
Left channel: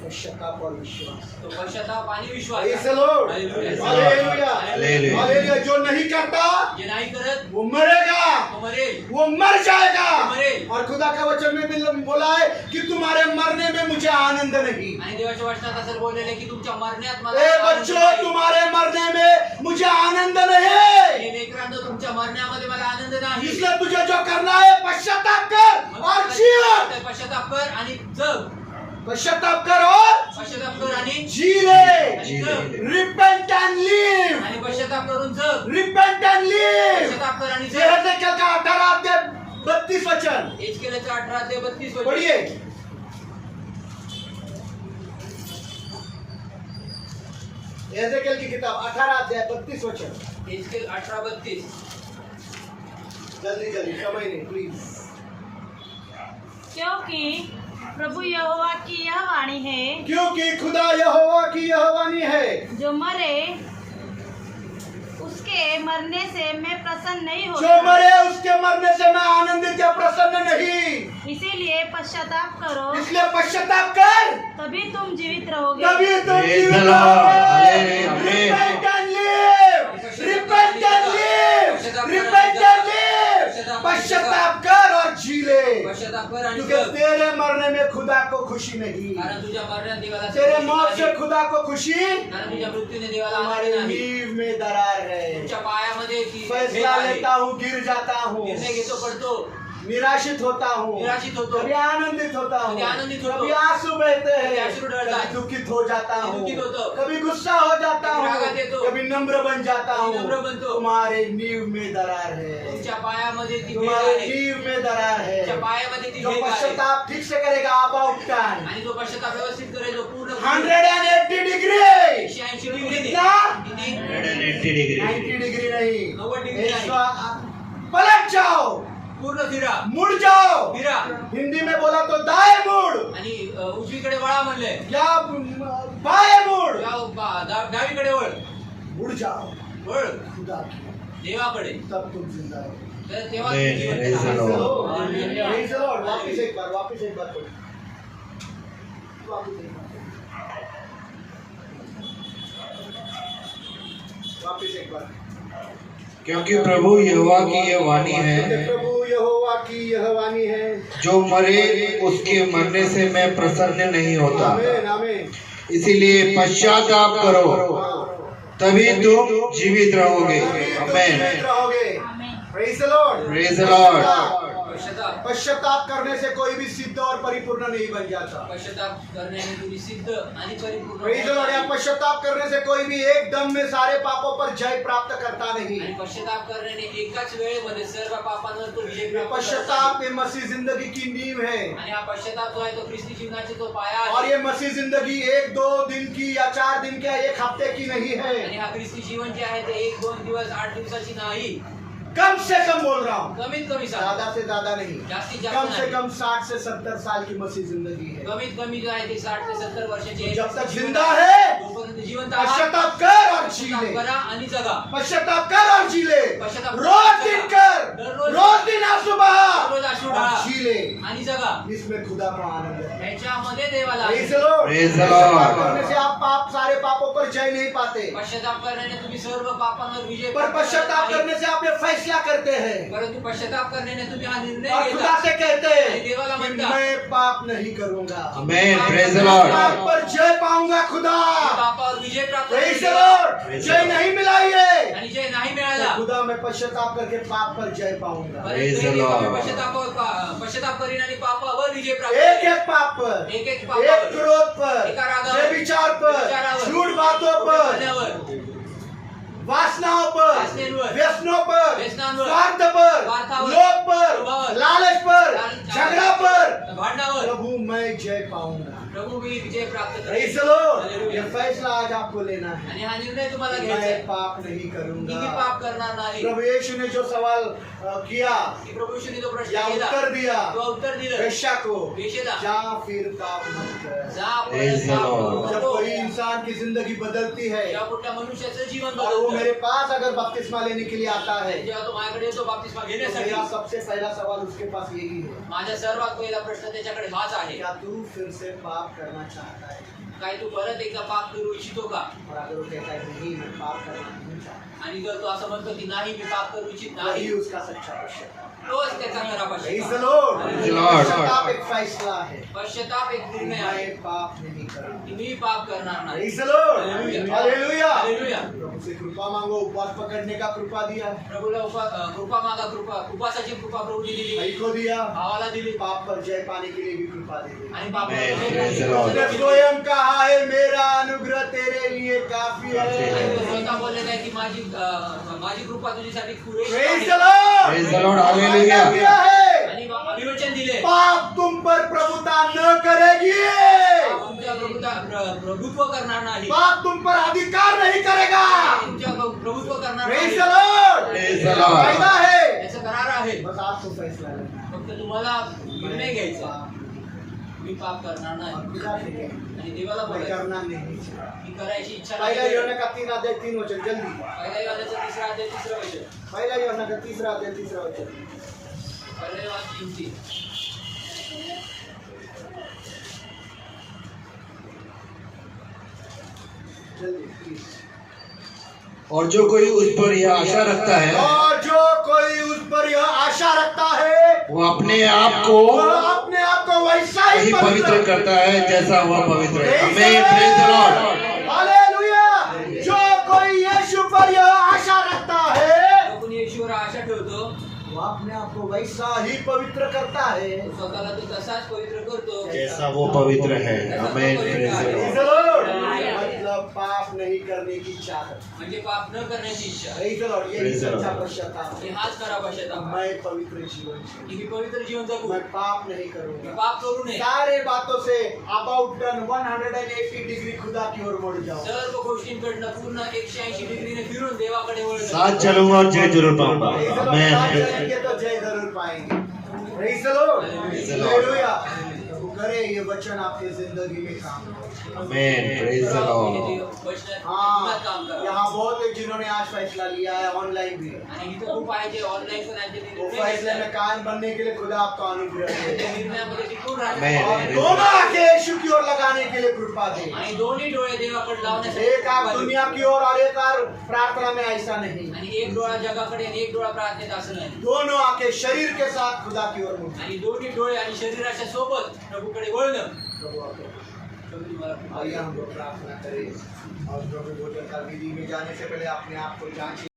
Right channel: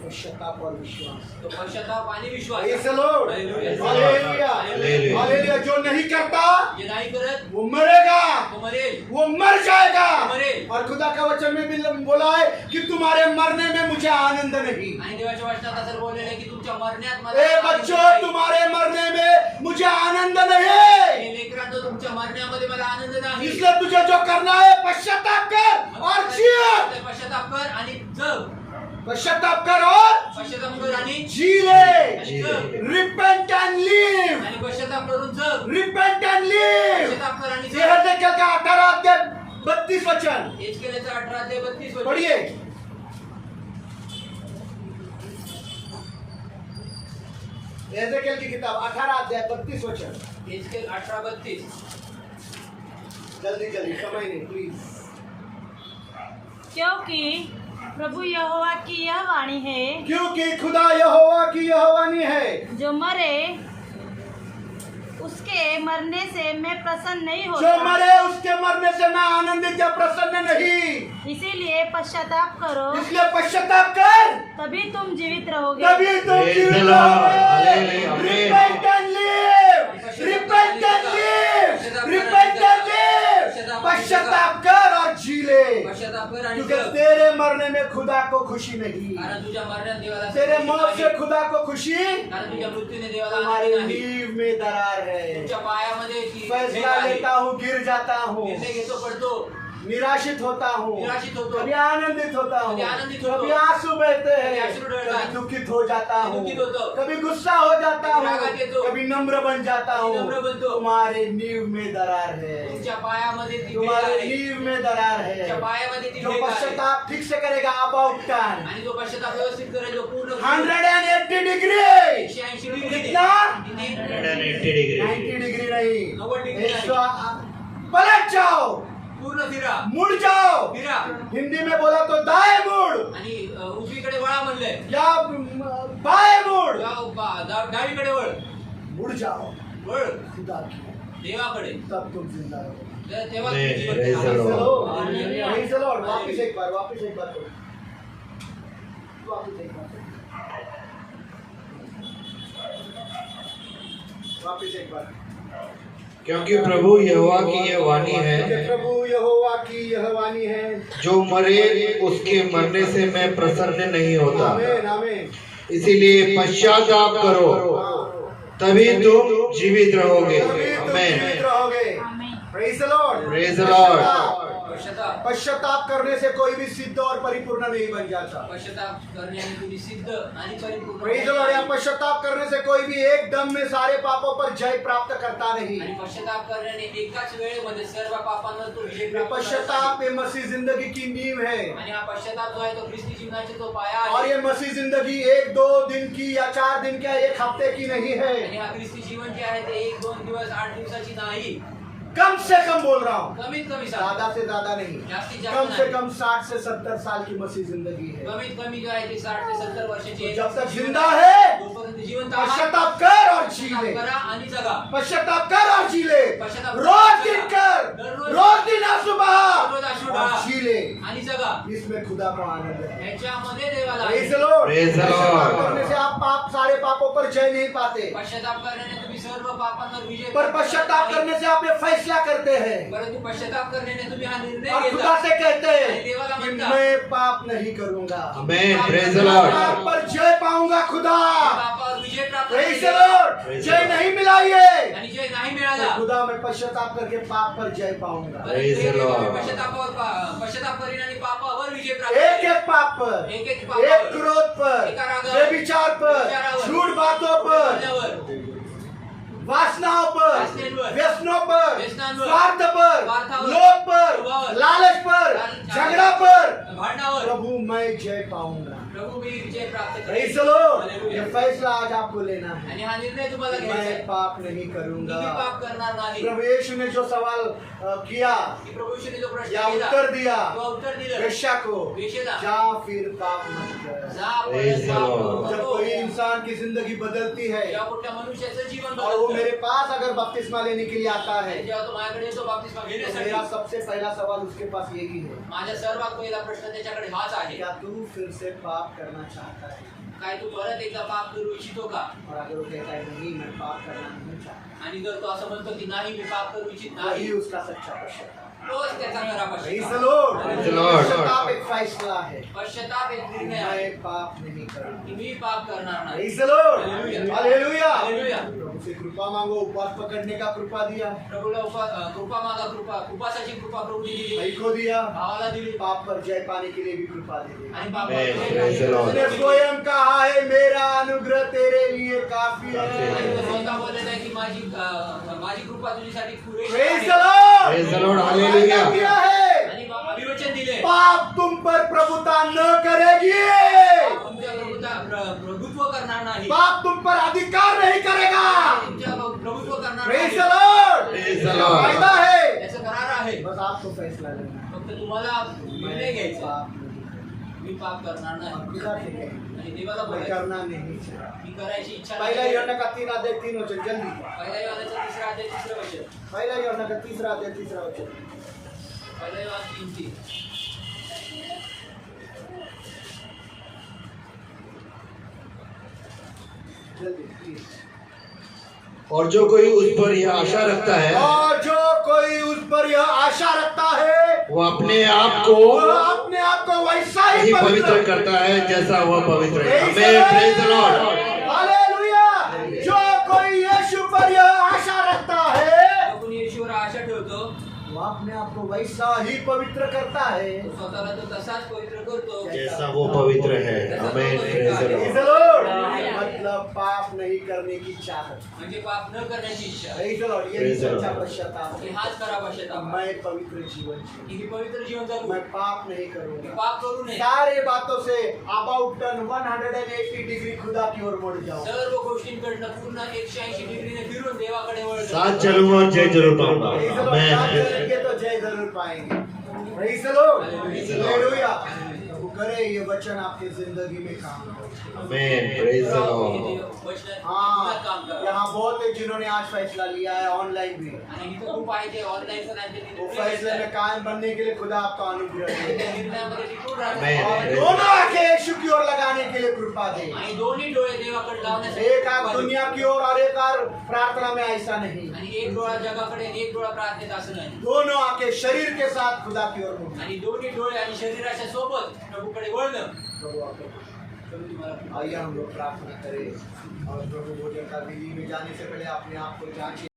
पश्चाताप और विश्वास. तो पश्चाताप आणि विश्वास Praise the Lord. Hallelujah. Hallelujah. Hallelujah. Hallelujah. जो नहीं करता जे नाही करत वो मरेगा, तो मरेल वो मर जाएगा. मरेल. और खुदा का वचन में भी बोला है कि तुम्हारे मरने में मुझे आनंद नहीं. आणि देवाच्या वचनात असं बोललेलं आहे की तुमच्या मरण्यात मला ए आनंद बच्चों, नाही. तुम्हारे मरने में मुझे आनंद नहीं. हे लेकरांनो तुमच्या मरण्यामध्ये मला आनंद नाही इसलिए तुझे जो करना है पश्चाताप कर और जी. पश्चाताप कर आणि जग पश्चाताप कर और पश्चाताप कर आणि जी ले. आणि जग Repent and live. आणि पश्चाताप करून जग Repent and live. पश्चाताप कर आणि ये जग हजकेल का 18 अध्याय 32 वचन एजकेलचं 18 ते 32 वचन. पढ़िए. हजकेल की किताब 18 अध्याय 32 वचन. एजकेल 18:32. जल्दी जल्दी, समय नहीं प्लीज. क्योंकि प्रभु यहोवा की यह वाणी है क्योंकि खुदा यहोवा की यह वाणी है, जो मरे उसके मरने से मैं प्रसन्न नहीं जो होता, मरे उसके मरने से मैं आनंदित या प्रसन्न नहीं. इसीलिए पश्चाताप करो, इसलिए पश्चाताप कर, तभी तुम जीवित रहोगे. तभी तुम Praise जीवित the Lord. रहोगे. Amen. Repent and live. Repent and live. Repent and live. पश्चाताप कर और जी ले. पश्चाताप कर आणि क्योंकि जग. तेरे मरने में खुदा को खुशी नहीं. कारण तुझ्या मरण्यात देवाला तेरे संतोष मौत से नाही. खुदा को खुशी कारण तुझ्या मृत्यूने देवाला हमारे आनंद नाही. नींव में दरार है. तुमच्या पायामध्ये ती भेग फैसला आहे. लेता हूँ, गिर जाता हूँ, निर्णय घेतो पडतो निराशित होता हूँ, निराशित होतो. कभी आनंदित होता हूँ, कभी आनंदित होतो. कभी आंसू बहते कभी हैं, अश्रु ढळतात. कभी दुखित हो जाता कभी हूँ, दुखित होतो. कभी गुस्सा हो जाता कभी हूँ, रागात येतो. कभी नम्र बन जाता कभी हूँ. नम्र बनतो. तुम्हारे नींव में दरार है. तुमच्या पायामध्ये ती भेग तुम्हारे आहे. नींव में दरार है. तुमच्या पायामध्ये ती जो भेग आहे. पश्चाताप ठीक से करेगा आबा उपटान आणि जो पश्चाताप व्यवस्थित करेल जो पूर्ण 180 डिग्री. 180 डिग्री कितना? किती? 180 degree. 90 डिग्री नहीं. 90 डिग्री नहीं. 100 पलट जाओ, पूर्ण फिरा मुड़ जाओ. फिरा हिंदी में बोला तो दाएं मुड़ आणि उजवीकडे वळा म्हणले या बाएं मुड़. डावीकडे वळ मुड़ जाओ वळ खुदा की, देवाकडे तब तुम जिंदा रहो. तेव्हा Praise Jeevan the Praise the राहणार. Lord. Hallelujah. Praise the Lord. वापिस एक बार वापिस पढ़ो. वापिस एक बार. वापिस एक बार. क्योंकि प्रभु यहोवा की यह वाणी क्योंकि है, प्रभु यहोवा की यह वाणी है. जो मरे उसके मरने से मैं प्रसन्न नहीं होता. आमीन आमीन. इसीलिए पश्चाताप करो, तभी तुम जीवित रहोगे. तभी तुम Amen. जीवित रहोगे. आमीन. Praise the Lord. Praise the Lord. पश्चाताप पश्चाताप करने से कोई भी सिद्ध और परिपूर्ण नहीं बन जाता. पश्चाताप करण्याने तुम्ही सिद्ध आणि परिपूर्ण Praise the Lord. या पश्चाताप करने से कोई भी एक दम में सारे पापों पर जय प्राप्त करता नहीं. आणि पश्चाताप करण्याने एकाच वेळेमध्ये सर्व पापांवर तो विजय ये प्राप्त करता पश्चाताप ये मसीह जिंदगी की नींव है. आणि हा पश्चाताप जो आहे तो ख्रिस्ती जीवनाचा तो पाया और आहे ये मसीह जिंदगी 1-2 दिन की या 4 दिन की या 1 हफ्ते की नहीं आणि है. हा ख्रिस्ती जीवन जे आहे ते 1-2 दिवस 8 दिवसाची नाही कम से कम बोल रहा हूँ, कमीत कमी ज्यादा से ज्यादा नहीं. जास्तीत जास्त कम से नाही. कम 60 से 70 साल की मसीह जिंदगी है. कमीत कमी जो आहे ते 60 ते 70 वर्षाची आहे. जब तक जिंदा है जोपर्यंत जिवंत आहात पश्चाताप कर और जी पश्चाताप ले। करा आणि जगा. पश्चाताप कर और जी ले। पश्चाताप रोज दिन कर, दररोज रोज दिन आंसू बहा दररोज अश्रू और ढाळा जी ले। आणि जगा. इसमें खुदा को आनंद है। ह्याच्यामध्ये देवाला Praise Anand. the Lord. Praise the पश्चाताप Lord. करने से आप सारे पापों पर जय नहीं पाते, पश्चाताप करण्याने तुम्ही सर्व पापांवर विजय पर प्राप्त पश्चाताप करत नाही. करने से आप ये फैसला करते हैं परंतु पश्चाताप करण्याने तुम्ही हा निर्णय और खुदा घेता से कहते आणि देवाला हैं कि म्हणता, मैं पाप नहीं करूंगा, Amen. Praise the पाप Lord. पर जय पाऊंगा खुदा। पापावर विजय प्राप्त Praise the केला. Lord. Praise the Jai Lord. नहीं मिला ये, आणि जय नाही मिळाला. तो खुदा मैं पश्चाताप करके पाप पर जय पाऊंगा। Praise the Lord. पश्चाताप करीन आणि पापावर विजय प्राप्त एक करीन. एक पाप पर, एक एक पापावर, क्रोध पर, एका रागावर, व्यभिचार पर, व्यभिचारावर, झूठ बातों पर, बोलण्यावर, वासनाओं पर, वासनेवर, व्यसनों पर, व्यसनांवर, स्वार्थ पर, स्वार्थावर, लोभ पर, लोभावर, लालच पर, झगड़ा पर, भांडणावर. प्रभु मैं जय पाऊंगा। प्रभु मी विजय प्राप्त Praise करेन. the Lord. Hallelujah. ये फैसला आज आपको लेना है। आणि हा निर्णय तुम्हाला घ्यायचा मैं आहे. पाप नहीं मी करूंगा। पाप करणार नाही. प्रभु यीशु ने जो सवाल किया की प्रभु यीशुने जो प्रश्न या केला, उत्तर दिया तो उत्तर दिलं. वेश्या को, वेश्येला, जा फिर पाप मत कर। जा Praise परत the पाप Lord. करू जब नको. कोई इंसान की जिंदगी बदलती है या कुठल्या मनुष्याचं जीवन और वो बदलतं. मेरे पास अगर बपतिस्मा लेने के लिए आता है, जेव्हा तो माझ्याकडे येतो बाप्तिस्मा तो घेण्यासाठी, मेरा सबसे पहला सवाल उसके पास यही है, माझा सर्वात पहिला प्रश्न त्याच्याकडे हाच आहे. क्या तू फिर से पाप करना चाहता है? काय तू परत एकदा पाप करू इच्छितो का? और अगर वो कहता है नहीं मैं पाप करना नहीं चाहता, आणि जर तो असं म्हणतो की नाही मी पाप करू इच्छित वही नाही, उसका सच्चा पश्चाताप। तोच त्याचा खरा Praise the पश्चाताप. Lord. Praise the Lord. पश्चाताप एक फैसला है, पश्चाताप एक निर्णय आहे मैं पाप नहीं करूंगा। की मी पाप करणार नाही. Praise the Lord. Hallelujah. Hallelujah. Hallelujah. प्रभु से कृपा मांगो, उपवास पकड़ने का कृपा दिया, प्रभूला कृपा मागा. उपासाची कृपा प्रभूने दिली, भाई को दिया, भावाला दिली पाप पर जय पाने के लिए भी कृपा दे दी। आणि पाप Amen. Praise the Lord. उसने स्वयं कहा है मेरा अनुग्रह तेरे लिए काफी आणि तो है। स्वतः बोललेला आहे की माझी कृपा तुझ्यासाठी पुरेशी Praise आहे. the Lord. Praise the Lord. वायदा Hallelujah. किया है, आणि अभिवचन दिले, पाप तुम पर प्रभुता न करेगी, पाप तुमच्या प्रभुत्व करणार नाही, पाप तुम पर अधिकार नहीं करेगा। तुमच्या प्रभुत्व करणार Praise नाही. the Lord. Praise the Lord. वायदा है, याचं करार आहे. बस आपको फैसला लेना है। फक्त तुम्हाला निर्णय घ्यायचा. पाप नहीं, मी पाप करणार और नाही खुदा से कहे, आणि देवाला मैं बोलायचं करना नहीं चाहता। मी करायची इच्छा पहला नाही. योना का 3 अध्याय 3 वचन, जल्दी। पहिला योहानाचा 3रा अध्याय 3रं वचन. पहला योना का 3 अध्याय 3 वचन। पहिला योहान 3:3. जल्दी प्लीज। और जो कोई उस पर यह आशा रखता है, और जो कोई उस पर यह आशा रखता है, वो अपने आप को वो अपने आप को वैसा ही वही पवित्र करता है जैसा वह पवित्र है। Praise the Amen. Praise the Lord. Lord. Hallelujah. जो कोई यीशु पर यह आशा रखता है, जो कोणी येशूवर आशा ठेवतो, वो अपने आप को वैसा ही पवित्र करता है तो स्वतःला तो तसाच पवित्र करतो जैसा वो पवित्र है। Amen. Praise the Praise Lord. the Lord. मतलब पाप नहीं करने की चाहत। म्हणजे पाप न करण्याची इच्छा. Praise the Lord. यही Praise the सच्चा Lord. पश्चाताप आणि है। हाच खरा पश्चाताप. मैं पवित्र जीवन जीऊं। की मी पवित्र जीवन जगू, मैं पाप नहीं मी करूंगा। पाप करू नये. सारे बातों से अबाउट टर्न 180 डिग्री खुदा की ओर मुड़ जाओ। सर्व गोष्टींकडनं पूर्ण 180 डिग्रीने फिरून देवाकडे वळतो. साथ चलूंगा और जय जरूर पाऊंगा। Praise the Lord. Amen. साथ चलेंगे तो जय जरूर पाएंगे। Praise the Lord. Praise the Lord. Hallelujah. प्रभु करे ये वचन आपकी जिंदगी में काम करे। Amen. Praise the Lord. वचनात हाँ, काम करा. यहाँ बहुत है जिन्होंने आज फैसला लिया है, ऑनलाइन भी। आणि इथं खूप आहे जे ऑनलाईन पण आहे ते वो निर्णय फैसले घेतात. में कायम बनने के लिए खुदा आपका अनुग्रह त्या दे निर्णयामध्ये टिकून Amen. राहतात. और दोनों आंखें यीशु की ओर लगाने के लिए कृपा दे। आणि दोन्ही डोळे देवाकडे लावण्यासाठी एक आंख दुनिया की ओर और एक आंख प्रार्थना में, ऐसा नहीं। आणि एक डोळा जगाकडे आणि एक डोळा प्रार्थनेत असं नाही. दोनों आंखें शरीर के साथ खुदा की ओर मुड़। आणि दोन्ही डोळे आणि शरीराच्या सोबत प्रभूकडे वळणं. प्रभु आपको प्रभू तुम्हाला आइए हम लोग प्रार्थना करें और प्रभु भोजन का विधि में जाने से पहले अपने आप को जांचें।